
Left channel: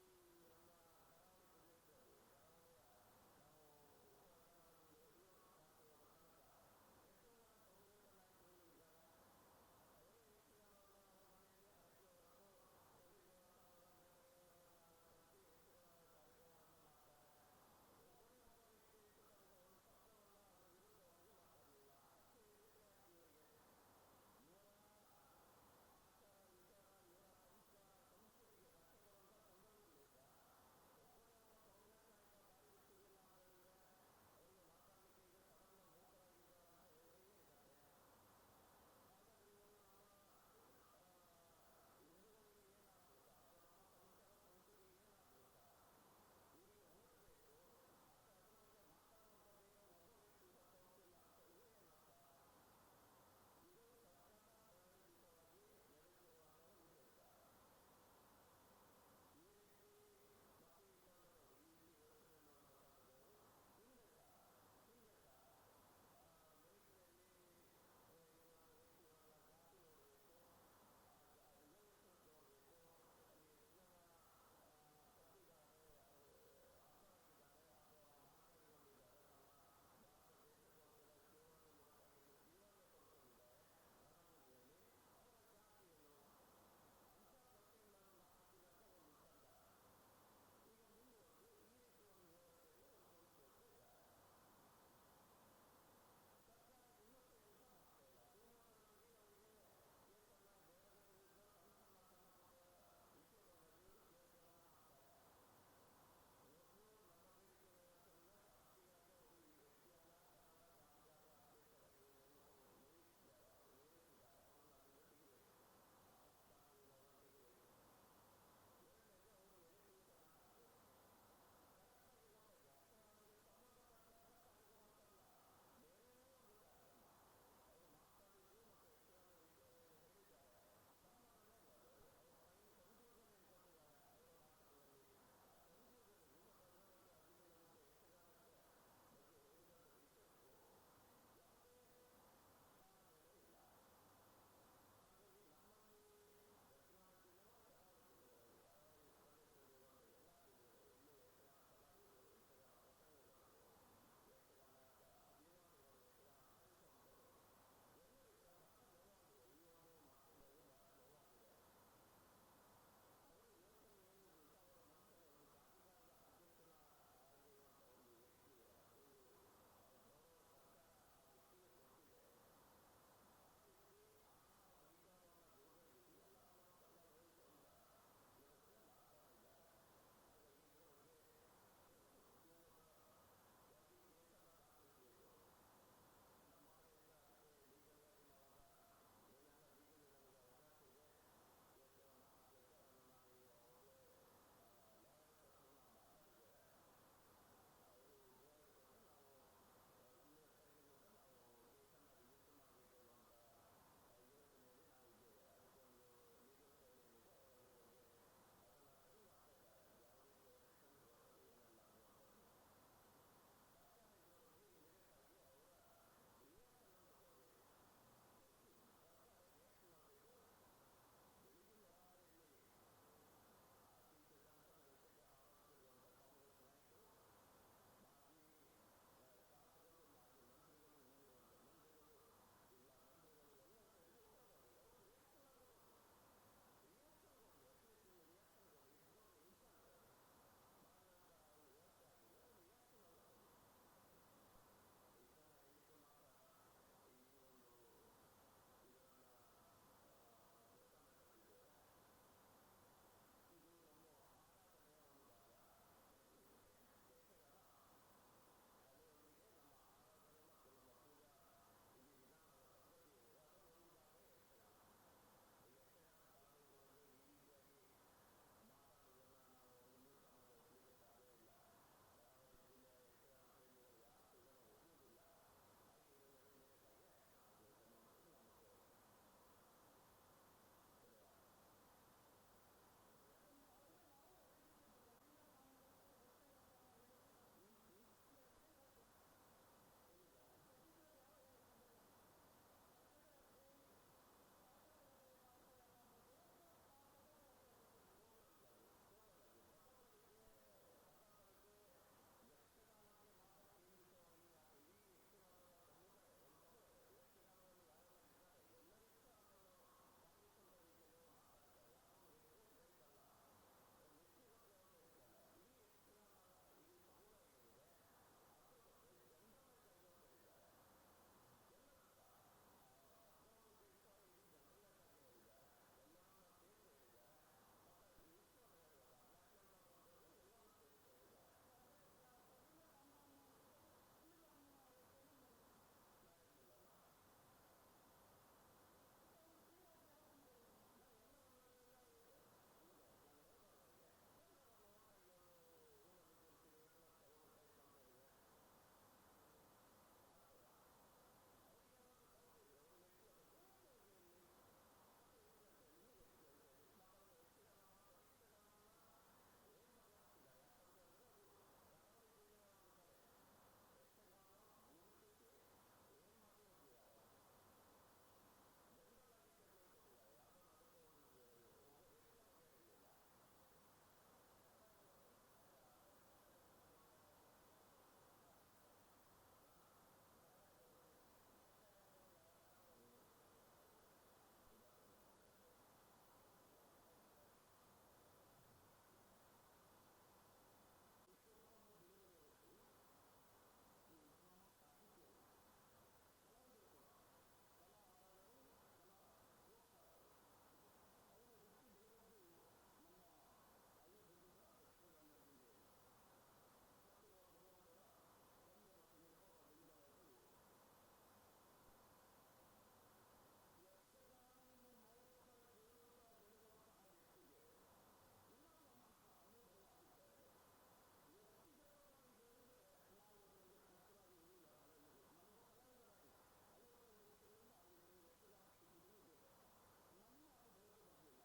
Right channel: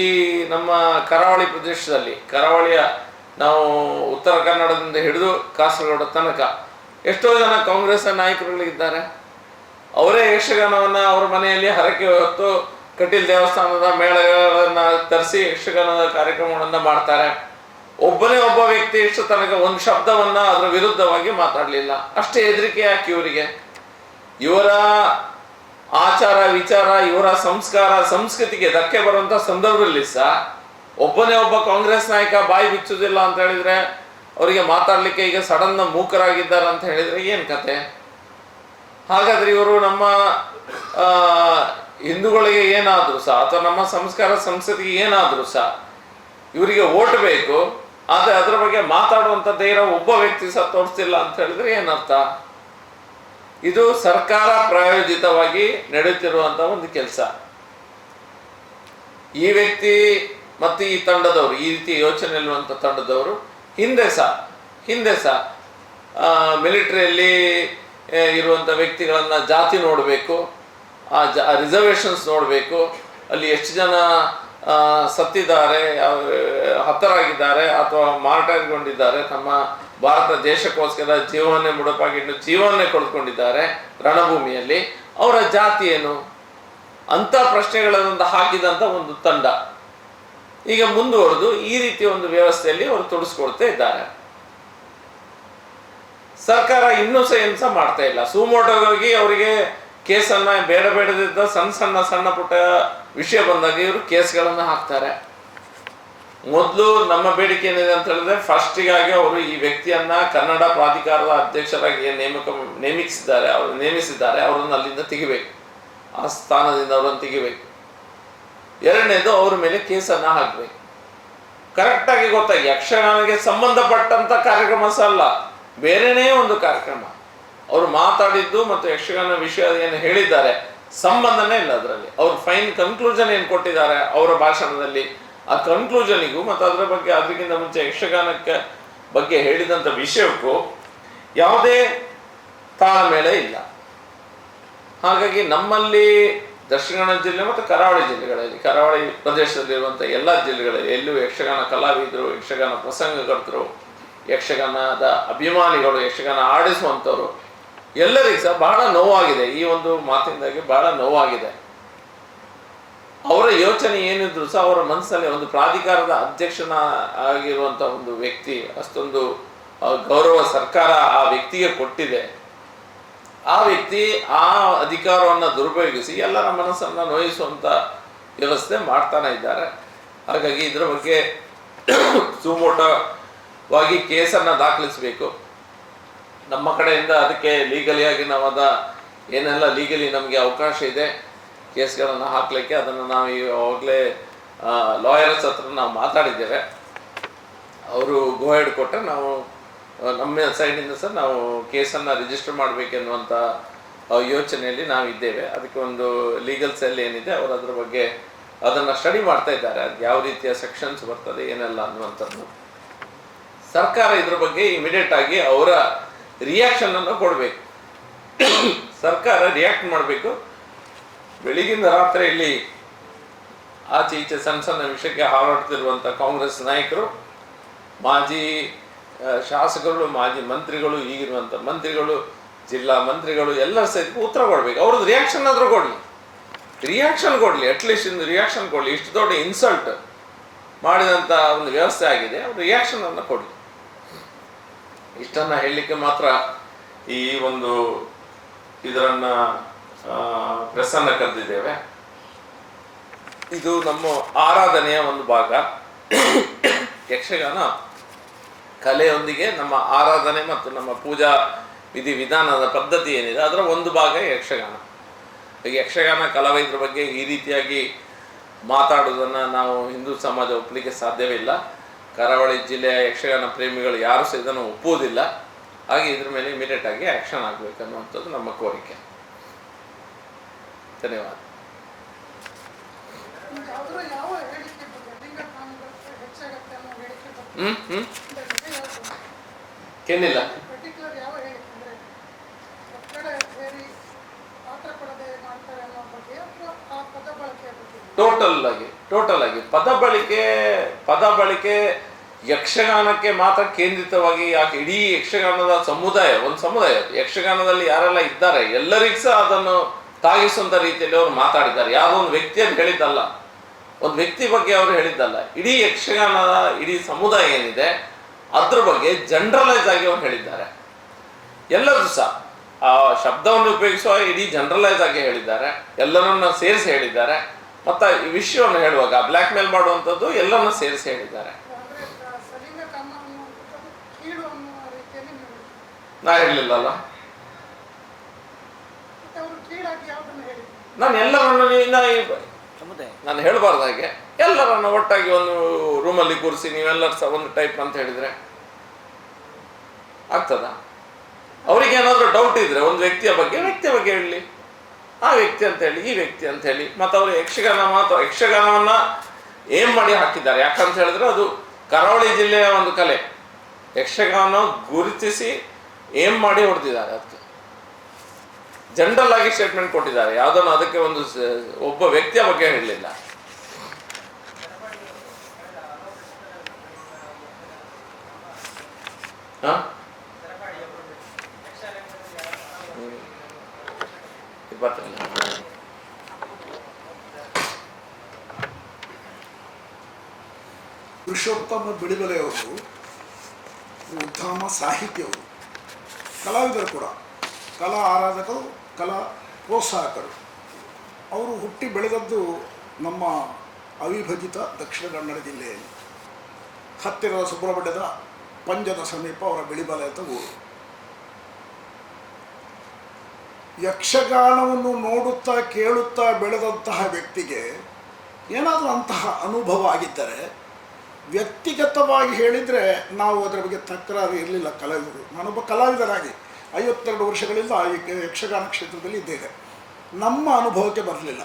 ನಮ್ಮ ಕರಾವಳಿ ಪ್ರದೇಶದಲ್ಲಿ, ಕರಾವಳಿಯ ನಾವು ಉತ್ತರ ಕನ್ನಡದಿಂದ ಹಿಡಿದು ಕಾಸರಗೋಡು ತನಕ ಎಷ್ಟೋ ಜನ ಕಾಂಗ್ರೆಸ್ ನಾಯಕರುಗಳಿದ್ದಾರೆ. ಅವರೇ ಯಕ್ಷಗಾನವನ್ನು ಅವ್ರ ಮನೆಯಲ್ಲಿ ಹರಕೆ ಹೊತ್ತು ಕಟೀಲ್ ದೇವಸ್ಥಾನದ ಮೇಳಗಳನ್ನು ತರಿಸಿ ಯಕ್ಷಗಾನದ ಕಾರ್ಯಕ್ರಮಗಳನ್ನು ಮಾಡ್ತಾರೆ. ಒಬ್ಬನೇ ಒಬ್ಬ ವ್ಯಕ್ತಿ ಇಷ್ಟು ತನಕ ಒಂದು ಶಬ್ದವನ್ನು ಅದರ ವಿರುದ್ಧವಾಗಿ ಮಾತಾಡಲಿಲ್ಲ. ಅಷ್ಟೇ ಹೆದರಿಕೆ ಯಾಕೆ ಇವರಿಗೆ? ಇವರ ಆಚಾರ ವಿಚಾರ, ಇವರ ಸಂಸ್ಕಾರ ಸಂಸ್ಕೃತಿಗೆ ಧಕ್ಕೆ ಬರುವಂಥ ಸಂದರ್ಭದಲ್ಲಿ ಸಹ ಒಬ್ಬನೇ ಒಬ್ಬ ಕಾಂಗ್ರೆಸ್ ನಾಯಕ ಬಾಯಿ ಬಿಚ್ಚುವುದಿಲ್ಲ ಅಂತ ಹೇಳಿದರೆ, ಅವರಿಗೆ ಮಾತಾಡಲಿಕ್ಕೆ ಈಗ ಸಡನ್ನ ಮೂಕರಾಗಿದ್ದಾರೆ ಅಂತ ಹೇಳಿದರೆ ಏನು ಕತೆ? ಹಾಗಾದರೆ ಇವರು ನಮ್ಮ ಹಿಂದೂಗಳಿಗೆ ಏನಾದರೂ ಸಹ ಅಥವಾ ನಮ್ಮ ಸಂಸ್ಕಾರ ಸಂಸ್ಕೃತಿಗೆ ಏನಾದರೂ ಸಹ ಇವರಿಗೆ ಓಟ್ ಬೇಕು, ಆದರೆ ಅದರ ಬಗ್ಗೆ ಮಾತಾಡುವಂಥ ಧೈರ್ಯ ಒಬ್ಬ ವ್ಯಕ್ತಿ ಸಹ ತೋರಿಸ್ತಿಲ್ಲ ಅಂತ ಹೇಳಿದ್ರೆ ಏನರ್ಥ? ಇದು ಸರ್ಕಾರ ಪ್ರಾಯೋಜಿತವಾಗಿ ನಡೆಯುತ್ತಿರುವಂಥ ಒಂದು ಕೆಲಸ. ಈ ವ್ಯಕ್ತಿ ಮತ್ತು ಈ ತಂಡದವರು, ಈ ರೀತಿ ಯೋಚನೆ ಇರುವಂಥ ತಂಡದವರು ಹಿಂದೆ ಸಹ ಮಿಲಿಟರಿಯಲ್ಲಿ ಇರುವಂಥ ವ್ಯಕ್ತಿಗಳನ್ನು ಜಾತಿ ನೋಡಬೇಕು, ಆ ರಿಸರ್ವೇಷನ್ಸ್ ನೋಡಬೇಕು, ಅಲ್ಲಿ ಎಷ್ಟು ಜನ ಸತ್ತಿದ್ದಾರೆ, ಹತರಾಗಿದ್ದಾರೆ ಅಥವಾ ಮಾರ್ಟರ್ಗೊಂಡಿದ್ದಾರೆ, ನಮ್ಮ ಭಾರತ ದೇಶಕ್ಕೋಸ್ಕರ ಜೀವವನ್ನೇ ಮುಡುಪಾಗಿಟ್ಟು ಜೀವವನ್ನೇ ಕಳೆದುಕೊಂಡಿದ್ದಾರೆ ರಣಭೂಮಿಯಲ್ಲಿ, ಅವರ ಜಾತಿ ಏನು ಅಂಥ ಪ್ರಶ್ನೆಗಳನ್ನು ಹಾಕಿದಂಥ ಒಂದು ತಂಡ ಈಗ ಮುಂದುವರೆದು ಈ ರೀತಿಯ ಒಂದು ವ್ಯವಸ್ಥೆಯಲ್ಲಿ ಅವರು ತೊಡಸ್ಕೊಳ್ತಾ ಇದ್ದಾರೆ. ಸರ್ಕಾರ ಇನ್ನೂ ಸಹ ಏನು ಸಹ ಮಾಡ್ತಾ ಇಲ್ಲ. ಸುಮೋಟೋಗಾಗಿ ಅವರಿಗೆ ಕೇಸನ್ನು ಬೇಡದಿದ್ದ ಸಣ್ಣ ಪುಟ್ಟ ವಿಷಯ ಬಂದಾಗ ಇವರು ಕೇಸ್ಗಳನ್ನು ಹಾಕ್ತಾರೆ. ಮೊದಲು ನಮ್ಮ ಬೇಡಿಕೆ ಏನಿದೆ ಅಂತ ಹೇಳಿದ್ರೆ, ಫಸ್ಟಿಗಾಗಿ ಅವರು ಈ ವ್ಯಕ್ತಿಯನ್ನ ಕನ್ನಡ ಪ್ರಾಧಿಕಾರದ ಅಧ್ಯಕ್ಷರಾಗಿ ನೇಮಿಸಿದ್ದಾರೆ ಅವರನ್ನು ಅಲ್ಲಿಂದ ತೆಗಿಬೇಕು, ಆ ಸ್ಥಾನದಿಂದ ಅವರನ್ನು ತೆಗಿಬೇಕು. ಎರಡನೇದು ಅವರ ಮೇಲೆ ಕೇಸನ್ನು ಹಾಕಬೇಕು. ಕರೆಕ್ಟಾಗಿ ಗೊತ್ತಾಗಿ ಯಕ್ಷಗಾನಕ್ಕೆ ಸಂಬಂಧಪಟ್ಟಂತ ಕಾರ್ಯಕ್ರಮ ಸಹ ಅಲ್ಲ, ಬೇರೆನೇ ಒಂದು ಕಾರ್ಯಕ್ರಮ. ಅವರು ಮಾತಾಡಿದ್ದು ಮತ್ತು ಯಕ್ಷಗಾನ ವಿಷಯ ಏನು ಹೇಳಿದ್ದಾರೆ ಸಂಬಂಧನೇ ಇಲ್ಲ ಅದರಲ್ಲಿ. ಅವರು ಫೈನ್ ಕನ್ಕ್ಲೂಷನ್ ಏನು ಕೊಟ್ಟಿದ್ದಾರೆ ಅವರ ಭಾಷಣದಲ್ಲಿ, ಆ ಕನ್ಕ್ಲೂಷನಿಗೂ ಮತ್ತು ಅದರ ಬಗ್ಗೆ ಅದಕ್ಕಿಂತ ಮುಂಚೆ ಯಕ್ಷಗಾನಕ್ಕೆ ಬಗ್ಗೆ ಹೇಳಿದಂಥ ವಿಷಯಕ್ಕೂ ಯಾವುದೇ ತಾಳಮೇಳ ಇಲ್ಲ. ಹಾಗಾಗಿ ನಮ್ಮಲ್ಲಿ ದಕ್ಷಿಣ ಕನ್ನಡ ಜಿಲ್ಲೆ ಮತ್ತು ಕರಾವಳಿ ಜಿಲ್ಲೆಗಳಲ್ಲಿ, ಕರಾವಳಿ ಪ್ರದೇಶದಲ್ಲಿರುವಂಥ ಎಲ್ಲ ಜಿಲ್ಲೆಗಳಲ್ಲಿ ಎಲ್ಲೂ ಯಕ್ಷಗಾನ ಕಲಾವಿದರು, ಯಕ್ಷಗಾನ ಪ್ರಸಂಗಕರ್ತರು, ಯಕ್ಷಗಾನದ ಅಭಿಮಾನಿಗಳು, ಯಕ್ಷಗಾನ ಆಡಿಸುವಂಥವ್ರು ಎಲ್ಲರಿಗೂ ಸಹ ಬಹಳ ನೋವಾಗಿದೆ. ಈ ಒಂದು ಮಾತಿಂದಾಗಿ ಬಹಳ ನೋವಾಗಿದೆ. ಅವರ ಯೋಚನೆ ಏನಿದ್ರು ಸಹ ಅವರ ಮನಸ್ಸಲ್ಲಿ ಒಂದು ಪ್ರಾಧಿಕಾರದ ಅಧ್ಯಕ್ಷನ ಆಗಿರುವಂಥ ಒಂದು ವ್ಯಕ್ತಿ, ಅಷ್ಟೊಂದು ಗೌರವ ಸರ್ಕಾರ ಆ ವ್ಯಕ್ತಿಗೆ ಕೊಟ್ಟಿದೆ. ಆ ವ್ಯಕ್ತಿ ಆ ಅಧಿಕಾರವನ್ನು ದುರುಪಯೋಗಿಸಿ ಎಲ್ಲರ ಮನಸ್ಸನ್ನು ನೋಯಿಸುವಂಥ ವ್ಯವಸ್ಥೆ ಮಾಡ್ತಾನೆ ಇದ್ದಾರೆ. ಹಾಗಾಗಿ ಇದರ ಬಗ್ಗೆ ಸುಮೋಟವಾಗಿ ಕೇಸನ್ನು ದಾಖಲಿಸಬೇಕು. ನಮ್ಮ ಕಡೆಯಿಂದ ಅದಕ್ಕೆ ಲೀಗಲಿಯಾಗಿ ನಾವು ಏನೆಲ್ಲ ಲೀಗಲಿ ನಮಗೆ ಅವಕಾಶ ಇದೆ ಕೇಸ್ಗಳನ್ನು ಹಾಕಲಿಕ್ಕೆ, ಅದನ್ನು ನಾವು ಈವಾಗಲೇ ಲಾಯರ್ಸ್ ಹತ್ರ ನಾವು ಮಾತಾಡಿದ್ದೇವೆ. ಅವರು ಗೋ ಹೆಡ್ ಕೊಟ್ಟರೆ ನಾವು ನಮ್ಮ ಸೈಡಿಂದ ಸಹ ನಾವು ಕೇಸನ್ನು ರಿಜಿಸ್ಟರ್ ಮಾಡಬೇಕೆನ್ನುವಂಥ ಯೋಚನೆಯಲ್ಲಿ ನಾವಿದ್ದೇವೆ. ಅದಕ್ಕೆ ಒಂದು ಲೀಗಲ್ ಸೆಲ್ ಏನಿದೆ ಅವರು ಅದರ ಬಗ್ಗೆ ಅದನ್ನು ಸ್ಟಡಿ ಮಾಡ್ತಾ ಇದ್ದಾರೆ. ಅದು ಯಾವ ರೀತಿಯ ಸೆಕ್ಷನ್ಸ್ ಬರ್ತದೆ ಏನೆಲ್ಲ ಅನ್ನುವಂಥದ್ದು. ಸರ್ಕಾರ ಇದ್ರ ಬಗ್ಗೆ ಇಮಿಡಿಯೇಟ್ ಆಗಿ ಅವರ ರಿಯಾಕ್ಷನನ್ನು ಕೊಡಬೇಕು. ಸರ್ಕಾರ ರಿಯಾಕ್ಟ್ ಮಾಡಬೇಕು. ಬೆಳಗಿನ ರಾತ್ರಿ ಇಲ್ಲಿ ಆಚೆ ಈಚೆ ಸಣ್ಣ ವಿಷಯಕ್ಕೆ ಹಾರಾಡ್ತಿರುವಂಥ ಕಾಂಗ್ರೆಸ್ ನಾಯಕರು, ಮಾಜಿ ಶಾಸಕರು, ಮಾಜಿ ಮಂತ್ರಿಗಳು, ಈಗಿರುವಂಥ ಮಂತ್ರಿಗಳು, ಜಿಲ್ಲಾ ಮಂತ್ರಿಗಳು ಎಲ್ಲರೂ ಸಹಿತ ಉತ್ತರ ಕೊಡಬೇಕು. ಅವ್ರದ್ದು ರಿಯಾಕ್ಷನ್ ಆದರೂ ಕೊಡಲಿ, ಅಟ್ಲೀಸ್ಟ್ ಒಂದು ರಿಯಾಕ್ಷನ್ ಕೊಡಲಿ. ಇಷ್ಟು ದೊಡ್ಡ ಇನ್ಸಲ್ಟ್ ಮಾಡಿದಂಥ ಒಂದು ವ್ಯವಸ್ಥೆ ಆಗಿದೆ, ಅವ್ರ ರಿಯಾಕ್ಷನನ್ನು ಕೊಡಲಿ. ಇಷ್ಟನ್ನು ಹೇಳಲಿಕ್ಕೆ ಮಾತ್ರ ಈ ಒಂದು ಇದರನ್ನು ಪ್ರೆಸ್ಸನ್ನು ಕರೆದಿದ್ದೇವೆ. ಇದು ನಮ್ಮ ಆರಾಧನೆಯ ಒಂದು ಭಾಗ. ಯಕ್ಷಗಾನ ಕಲೆಯೊಂದಿಗೆ ನಮ್ಮ ಆರಾಧನೆ ಮತ್ತು ನಮ್ಮ ಪೂಜಾ ವಿಧಾನದ ಪದ್ಧತಿ ಏನಿದೆ ಅದರ ಒಂದು ಭಾಗ ಯಕ್ಷಗಾನ. ಯಕ್ಷಗಾನ ಕಲಾವಿದರ ಬಗ್ಗೆ ಈ ರೀತಿಯಾಗಿ ಮಾತಾಡೋದನ್ನು ನಾವು ಹಿಂದೂ ಸಮಾಜ ಒಪ್ಪಲಿಕ್ಕೆ ಸಾಧ್ಯವಿಲ್ಲ. ಕರಾವಳಿ ಜಿಲ್ಲೆಯ ಯಕ್ಷಗಾನ ಪ್ರೇಮಿಗಳು ಯಾರು ಸಹ ಇದನ್ನು ಒಪ್ಪುವುದಿಲ್ಲ. ಹಾಗೆ ಇದ್ರ ಮೇಲೆ ಇಮಿಡಿಯೇಟ್ ಆಗಿ ಆ್ಯಕ್ಷನ್ ಆಗಬೇಕನ್ನುವಂಥದ್ದು ನಮ್ಮ ಕೋರಿಕೆ. ಧನ್ಯವಾದ. ಕೆನ್ನಿಲ್ಲ. ಪರ್ಟಿಕ್ಯುಲರ್ ಯಾವ ಹೇಳಿದ್ರೆ ಒತ್ತಡ ಸೇರಿ ಪಾತ್ರ ಕೊಡದೆ ಮಾಡ್ತಾರೆ ಅನ್ನೋ ಬಗ್ಗೆ ಅಥವಾ ಆ ಪದ ಬಳಕೆ ಬಗ್ಗೆ? ಟೋಟಲ್ ಆಗಿ ಪದ ಬಳಕೆ ಯಕ್ಷಗಾನಕ್ಕೆ ಮಾತ್ರ ಕೇಂದ್ರಿತವಾಗಿ ಯಾಕೆ ಇಡೀ ಯಕ್ಷಗಾನದ ಒಂದು ಸಮುದಾಯ ಯಕ್ಷಗಾನದಲ್ಲಿ ಯಾರೆಲ್ಲ ಇದ್ದಾರೆ ಎಲ್ಲರಿಗೂ ಸಹ ಅದನ್ನು ತಾಗಿಸುವಂತ ರೀತಿಯಲ್ಲಿ ಅವರು ಮಾತಾಡಿದ್ದಾರೆ. ಯಾವುದೋ ಒಂದು ವ್ಯಕ್ತಿಯನ್ನು ಹೇಳಿದ್ದಲ್ಲ, ಒಂದು ವ್ಯಕ್ತಿ ಬಗ್ಗೆ ಅವರು ಹೇಳಿದ್ದಲ್ಲ, ಇಡೀ ಯಕ್ಷಗಾನದ ಇಡೀ ಸಮುದಾಯ ಏನಿದೆ ಅದ್ರ ಬಗ್ಗೆ ಜನರಲೈಸ್ ಆಗಿ ಅವರು ಹೇಳಿದ್ದಾರೆ. ಎಲ್ಲರೂ ಸಹ ಆ ಶಬ್ದವನ್ನು ಉಪಯೋಗಿಸುವ ಇಡೀ ಜನರಲೈಸ್ ಆಗಿ ಹೇಳಿದ್ದಾರೆ, ಎಲ್ಲರನ್ನ ಸೇರಿಸಿ ಹೇಳಿದ್ದಾರೆ. ಮತ್ತು ಈ ವಿಷಯವನ್ನು ಹೇಳುವಾಗ ಬ್ಲ್ಯಾಕ್ ಮೇಲ್ ಮಾಡುವಂಥದ್ದು ಎಲ್ಲರನ್ನ ಸೇರಿಸಿ ಹೇಳಿದ್ದಾರೆ. ನಾ ಹೇಳಲಿಲ್ಲಲ್ಲ, ನಾನು ಎಲ್ಲರನ್ನು ನಾನು ಹೇಳಬಾರ್ದು ಹಾಗೆ. ಎಲ್ಲರನ್ನ ಒಟ್ಟಾಗಿ ಒಂದು ರೂಮಲ್ಲಿ ಕೂರಿಸಿ ನೀವೆಲ್ಲರೂ ಸಹ ಒಂದು ಟೈಪ್ ಅಂತ ಹೇಳಿದ್ರೆ ಆಗ್ತದ? ಅವರಿಗೆ ಏನಾದರೂ ಡೌಟ್ ಇದ್ರೆ ಒಂದು ವ್ಯಕ್ತಿಯ ಬಗ್ಗೆ ಹೇಳಲಿ, ಆ ವ್ಯಕ್ತಿ ಅಂತ ಹೇಳಿ, ಈ ವ್ಯಕ್ತಿ ಅಂತ ಹೇಳಿ. ಮತ್ತು ಅವರು ಯಕ್ಷಗಾನವನ್ನ ಏನ್ ಮಾಡಿ ಹಾಕಿದ್ದಾರೆ. ಯಾಕಂತ ಹೇಳಿದ್ರೆ ಅದು ಕರಾವಳಿ ಜಿಲ್ಲೆಯ ಒಂದು ಕಲೆ. ಯಕ್ಷಗಾನ ಗುರುತಿಸಿ ಏನ್ ಮಾಡಿ ಹೊಡೆದಿದ್ದಾರೆ. ಅದಕ್ಕೆ ಜನರಲ್ ಆಗಿ ಸ್ಟೇಟ್ಮೆಂಟ್ ಕೊಟ್ಟಿದ್ದಾರೆ, ಯಾವುದನ್ನು ಅದಕ್ಕೆ ಒಂದು ಒಬ್ಬ ವ್ಯಕ್ತಿಯ ಬಗ್ಗೆ ಹೇಳಲಿಲ್ಲ. ಪುರುಷೋತ್ತಮ ಬಿಳಿಮಲೆಯವರು ಉತ್ತಮ ಸಾಹಿತಿಯವರು, ಕಲಾವಿದರು ಕೂಡ, ಕಲಾ ಆರಾಧಕರು, ಕಲಾ ಪ್ರೋತ್ಸಾಹಕರು. ಅವರು ಹುಟ್ಟಿ ಬೆಳೆದದ್ದು ನಮ್ಮ ಅವಿಭಜಿತ ದಕ್ಷಿಣ ಕನ್ನಡ ಜಿಲ್ಲೆಯಲ್ಲಿ ಹತ್ತಿರದ ಸುಬ್ರಹ್ಮಣ್ಯದ ಪಂಜದ ಸಮೀಪ ಅವರ ಬಿಳಿಮಲೆ ಅಂತ ಊರು. ಯಕ್ಷಗಾನವನ್ನು ನೋಡುತ್ತಾ ಕೇಳುತ್ತಾ ಬೆಳೆದಂತಹ ವ್ಯಕ್ತಿಗೆ ಏನಾದರೂ ಅಂತಹ ಅನುಭವ ಆಗಿದ್ದರೆ, ವ್ಯಕ್ತಿಗತವಾಗಿ ಹೇಳಿದರೆ ನಾವು ಅದರ ಬಗ್ಗೆ ತಕರಾರು ಇರಲಿಲ್ಲ ಕಲಾವಿದರು. ನಾನೊಬ್ಬ ಕಲಾವಿದನಾಗಿ 52 ವರ್ಷಗಳಿಂದ ಯಕ್ಷಗಾನ ಕ್ಷೇತ್ರದಲ್ಲಿ ಇದ್ದೇನೆ. ನಮ್ಮ ಅನುಭವಕ್ಕೆ ಬರಲಿಲ್ಲ.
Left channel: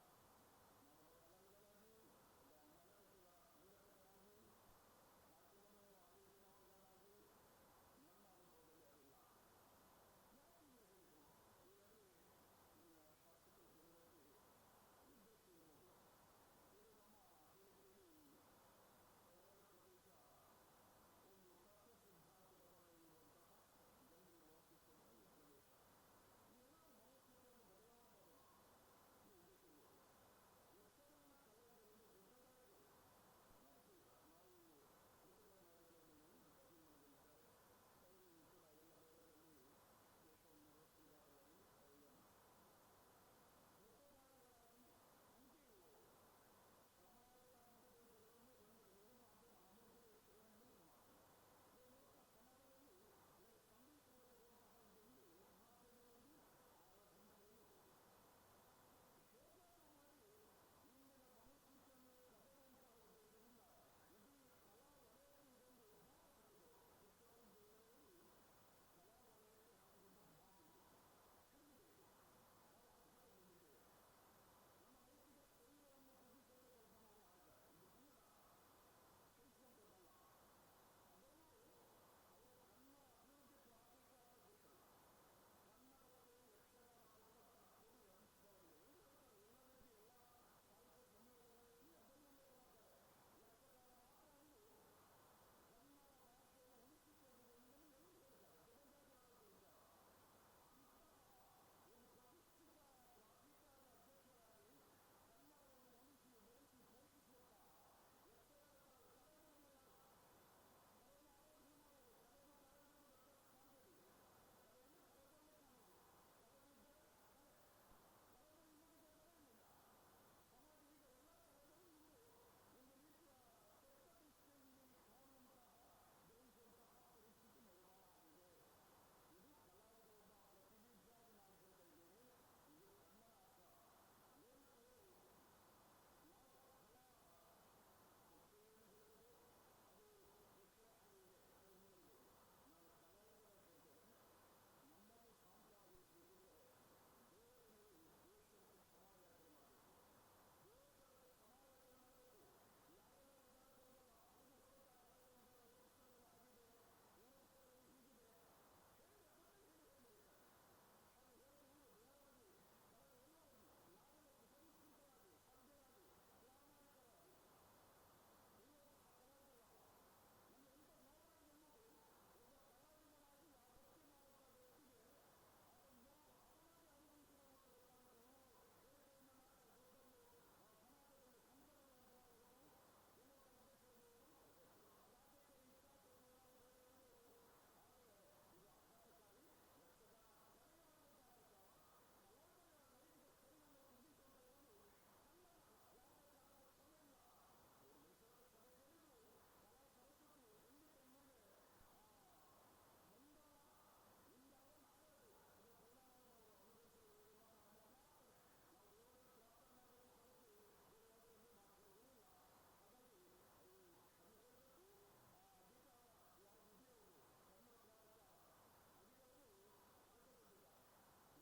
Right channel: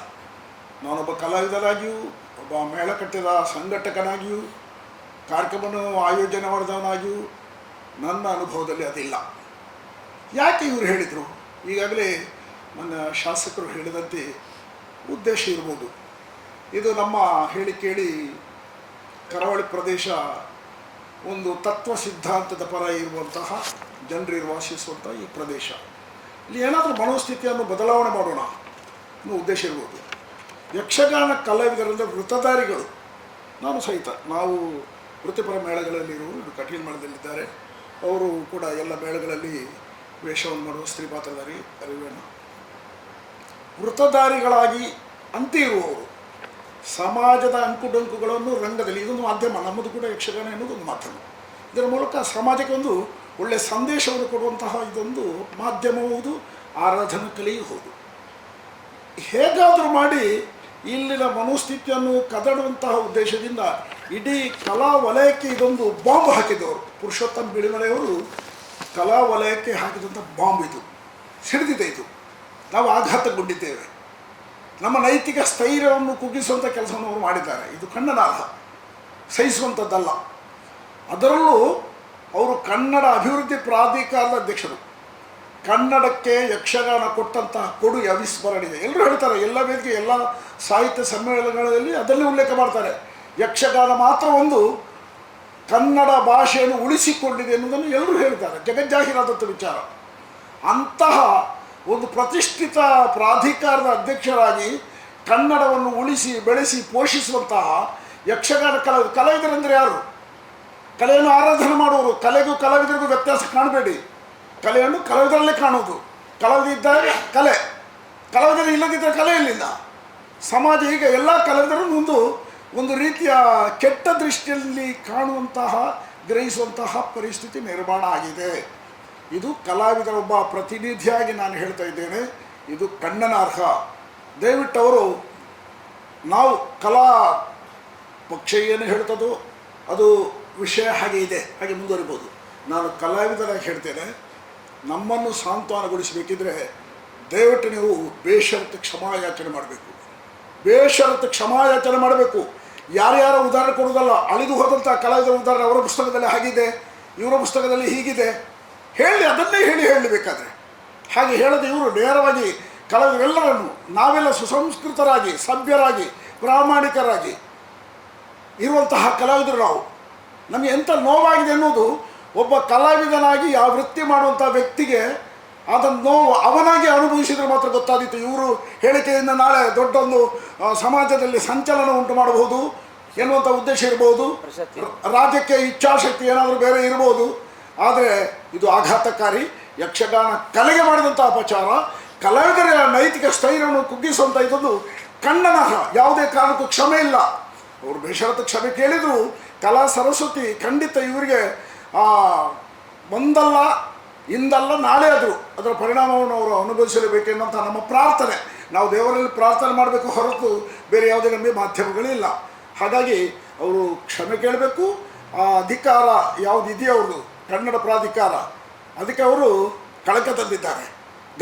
ನಾನೊಬ್ಬ ಕಲಾವಿದನಾಗಿಯೂ, ಒಬ್ಬ ಮೇಳಕಟ್ಟದ ಸಂಘಟಕನಾಗಿಯೂ, ಕಾರ್ಯಕ್ರಮವನ್ನು ಆಯೋಜನೆ ಮಾಡಿದವನಾಗಿಯೂ ನನ್ನ ಅನುಭವದಲ್ಲಿ ಅದಿಲ್ಲ. ಯಾಕೆ ಇವರು ಹೇಳಿದರು? ಈಗಾಗಲೇ ನನ್ನ ಶಾಸಕರು ಹೇಳಿದಂತೆ ಉದ್ದೇಶ ಇರ್ಬೋದು. ಇದು ನಮ್ಮ ಹೇಳಿ ಕೇಳಿ ಕರಾವಳಿ ಪ್ರದೇಶ ಒಂದು ತತ್ವ ಸಿದ್ಧಾಂತದ ಪರ ಇರುವಂತಹ ಜನರು ವಾಸಿಸುವಂಥ ಈ ಪ್ರದೇಶ. ಇಲ್ಲಿ ಏನಾದರೂ ಮನೋಸ್ಥಿತಿಯನ್ನು ಬದಲಾವಣೆ ಮಾಡೋಣ ಅನ್ನೋ ಉದ್ದೇಶ ಇರ್ಬೋದು. ಯಕ್ಷಗಾನ ಕಲಾವಿದರಿಂದ ವೃತ್ತಧಾರಿಗಳು, ನಾನು ಸಹಿತ, ನಾವು ವೃತ್ತಿಪರ ಮೇಳಗಳಲ್ಲಿರುವರು, ಇದು ಕಟೀಲ್ ಮೇಳದಲ್ಲಿದ್ದಾರೆ. ಅವರು ಕೂಡ ಎಲ್ಲ ಮೇಳಗಳಲ್ಲಿ ವೇಷವನ್ನು ಮಾಡುವ ಸ್ತ್ರೀ ಪಾತ್ರಧಾರಿ ಅರಿವೇಣ ವೃತ್ತಧಾರಿಗಳಾಗಿ ಅಂತೆ ಇರುವವರು ಸಮಾಜದ ಅಂಕುಡೊಂಕುಗಳನ್ನು ರಂಗದಲ್ಲಿ, ಇದೊಂದು ಮಾಧ್ಯಮ, ನಮ್ಮದು ಕೂಡ ಯಕ್ಷಗಾನ ಎನ್ನುವುದು ಒಂದು ಮಾಧ್ಯಮ. ಇದರ ಮೂಲಕ ಸಮಾಜಕ್ಕೆ ಒಂದು ಒಳ್ಳೆಯ ಸಂದೇಶವನ್ನು ಕೊಡುವಂತಹ ಇದೊಂದು ಮಾಧ್ಯಮವೂ ಹೌದು, ಆರಾಧನಾ ಕಲೆಯೂ ಹೌದು. ಹೇಗಾದರೂ ಮಾಡಿ ಇಲ್ಲಿನ ಮನೋಸ್ಥಿತಿಯನ್ನು ಕದಡುವಂತಹ ಉದ್ದೇಶದಿಂದ ಇಡೀ ಕಲಾ ವಲಯಕ್ಕೆ ಇದೊಂದು ಬಾಂಬ್ ಹಾಕಿದವರು. ಪುರುಷೋತ್ತಮ ಬಿಳಿಮಲೆಯವರು ಕಲಾ ವಲಯಕ್ಕೆ ಹಾಕಿದಂಥ ಬಾಂಬ್ ಇದು, ಸಿಡಿದಿದೆ. ಇದು ನಾವು ಆಘಾತಗೊಂಡಿದ್ದೇವೆ. ನಮ್ಮ ನೈತಿಕ ಸ್ಥೈರ್ಯವನ್ನು ಕುಗ್ಗಿಸುವಂಥ ಕೆಲಸವನ್ನು ಅವರು ಮಾಡಿದ್ದಾರೆ. ಇದು ಖಂಡನಾರ್ಹ, ಸಹಿಸುವಂಥದ್ದಲ್ಲ. ಅದರಲ್ಲೂ ಅವರು ಕನ್ನಡ ಅಭಿವೃದ್ಧಿ ಪ್ರಾಧಿಕಾರದ ಅಧ್ಯಕ್ಷರು. ಕನ್ನಡಕ್ಕೆ ಯಕ್ಷಗಾನ ಕೊಟ್ಟಂತಹ ಕೊಡುಗೆ ಅವಿಸ್ಮರಣೀಯ. ಎಲ್ಲರೂ ಹೇಳ್ತಾರೆ, ಎಲ್ಲ ವೇದಿಕೆ, ಎಲ್ಲ ಸಾಹಿತ್ಯ ಸಮ್ಮೇಳನಗಳಲ್ಲಿ ಅದನ್ನೇ ಉಲ್ಲೇಖ ಮಾಡ್ತಾರೆ. ಯಕ್ಷಗಾನ ಮಾತ್ರ ಒಂದು ಕನ್ನಡ ಭಾಷೆಯನ್ನು ಉಳಿಸಿಕೊಂಡಿದೆ ಎನ್ನುವುದನ್ನು ಎಲ್ಲರೂ ಹೇಳ್ತಾರೆ, ಜಗಜ್ಜಾಹೀರಾದಂಥ ವಿಚಾರ. ಅಂತಹ ಒಂದು ಪ್ರತಿಷ್ಠಿತ ಪ್ರಾಧಿಕಾರದ ಅಧ್ಯಕ್ಷರಾಗಿ ಕನ್ನಡವನ್ನು ಉಳಿಸಿ ಬೆಳೆಸಿ ಪೋಷಿಸುವಂತಹ ಯಕ್ಷಗಾನ ಕಲಾವಿದರೆಂದರೆ ಯಾರು? ಕಲೆಯನ್ನು ಆರಾಧನೆ ಮಾಡುವರು. ಕಲೆಗೂ ಕಲಾವಿದರಿಗೂ ವ್ಯತ್ಯಾಸ ಕಾಣಬೇಡಿ. ಕಲೆಯನ್ನು ಕಲಾವಿದರಲ್ಲೇ ಕಾಣುವುದು. ಕಲಾವಿದ ಇದ್ದಾಗ ಕಲೆ, ಕಲಾವಿದರು ಇಲ್ಲದಿದ್ದರೆ ಕಲೆ ಇಲ್ಲಿಲ್ಲ. ಸಮಾಜ ಈಗ ಎಲ್ಲ ಕಲಾವಿದರನ್ನು ಒಂದು ರೀತಿಯ ಕೆಟ್ಟ ದೃಷ್ಟಿಯಲ್ಲಿ ಕಾಣುವಂತಹ, ಗ್ರಹಿಸುವಂತಹ ಪರಿಸ್ಥಿತಿ ನಿರ್ಮಾಣ ಆಗಿದೆ. ಇದು ಕಲಾವಿದರ ಒಬ್ಬ ಪ್ರತಿನಿಧಿಯಾಗಿ ನಾನು ಹೇಳ್ತಾ ಇದ್ದೇನೆ, ಇದು ಖಂಡನಾರ್ಹ. ದಯವಿಟ್ಟು ಅವರು, ನಾವು ಕಲಾ ಪಕ್ಷ ಏನು ಹೇಳ್ತದೋ ಅದು ವಿಷಯ ಹಾಗೆ ಇದೆ, ಹಾಗೆ ಮುಂದುವರಿಬೋದು. ನಾನು ಕಲಾವಿದರಾಗಿ ಹೇಳ್ತೇನೆ, ನಮ್ಮನ್ನು ಸಾಂತ್ವನಗೊಳಿಸಬೇಕಿದ್ರೆ ದಯವಿಟ್ಟು ನೀವು ಬೇಷರತ್ತು ಕ್ಷಮಾಯಾಚನೆ ಮಾಡಬೇಕು. ಬೇಷರತ್ತು ಕ್ಷಮಾಯಾಚನೆ ಮಾಡಬೇಕು. ಯಾರ್ಯಾರ ಉದಾಹರಣೆ ಕೊಡುವುದಲ್ಲ, ಅಳಿದು ಹೋದಂಥ ಕಲಾವಿದರ ಉದಾಹರಣೆ ಅವರ ಪುಸ್ತಕದಲ್ಲಿ ಹಾಗಿದೆ, ಇವರ ಪುಸ್ತಕದಲ್ಲಿ ಹೀಗಿದೆ, ಹೇಳಿ, ಅದನ್ನೇ ಹೇಳಬೇಕಾದ್ರೆ. ಹಾಗೆ ಹೇಳದೆ ಇವರು ನೇರವಾಗಿ ಕಲಾವಿದರೆಲ್ಲರನ್ನು ನಾವೆಲ್ಲ ಸುಸಂಸ್ಕೃತರಾಗಿ, ಸಭ್ಯರಾಗಿ, ಪ್ರಾಮಾಣಿಕರಾಗಿ ಇರುವಂತಹ ಕಲಾವಿದರು ನಾವು. ನಮಗೆ ಎಂಥ ನೋವಾಗಿದೆ ಅನ್ನೋದು, ಒಬ್ಬ ಕಲಾವಿದನಾಗಿ ಆ ವೃತ್ತಿ ಮಾಡುವಂಥ ವ್ಯಕ್ತಿಗೆ ಅದನ್ನು ನೋವು ಅವನಾಗಿ ಅನುಭವಿಸಿದರೆ ಮಾತ್ರ ಗೊತ್ತಾದೀತು. ಇವರು ಹೇಳಿಕೆಯಿಂದ ನಾಳೆ ದೊಡ್ಡೊಂದು ಸಮಾಜದಲ್ಲಿ ಸಂಚಲನ ಉಂಟು ಮಾಡಬಹುದು ಎನ್ನುವಂಥ ಉದ್ದೇಶ ಇರ್ಬೋದು, ರಾಜ್ಯಕ್ಕೆ ಇಚ್ಛಾಶಕ್ತಿ ಏನಾದರೂ ಬೇರೆ ಇರ್ಬೋದು. ಆದರೆ ಇದು ಆಘಾತಕಾರಿ. ಯಕ್ಷಗಾನ ಕಲೆಗೆ ಮಾಡಿದಂಥ ಅಪಚಾರ, ಕಲಾವಿದರ ನೈತಿಕ ಸ್ಥೈರ್ಯವನ್ನು ಕುಗ್ಗಿಸುವಂಥ ಇದೊಂದು ಖಂಡನಾರ್ಹ. ಯಾವುದೇ ಕಾರಣಕ್ಕೂ ಕ್ಷಮೆ ಇಲ್ಲ. ಅವರು ಬೇಷರತ್ತು ಕ್ಷಮೆ ಕೇಳಿದರು. ಕಲಾ ಸರಸ್ವತಿ ಖಂಡಿತ ಇವರಿಗೆ ಒಂದಲ್ಲ ಇಂದಲ್ಲ ನಾಳೆ ಆದರೂ ಅದರ ಪರಿಣಾಮವನ್ನು ಅವರು ಅನುಭವಿಸಲೇಬೇಕೆನ್ನುವಂಥ ನಮ್ಮ ಪ್ರಾರ್ಥನೆ. ನಾವು ದೇವರಲ್ಲಿ ಪ್ರಾರ್ಥನೆ ಮಾಡಬೇಕು ಹೊರತು ಬೇರೆ ಯಾವುದೇ ನಮಗೆ ಮಾಧ್ಯಮಗಳಿಲ್ಲ. ಹಾಗಾಗಿ ಅವರು ಕ್ಷಮೆ ಕೇಳಬೇಕು. ಆ ಅಧಿಕಾರ ಯಾವುದಿದೆಯೋ ಅವ್ರದ್ದು, ಕನ್ನಡ ಪ್ರಾಧಿಕಾರ, ಅದಕ್ಕೆ ಅವರು ಕಳಕ ತಂದಿದ್ದಾರೆ.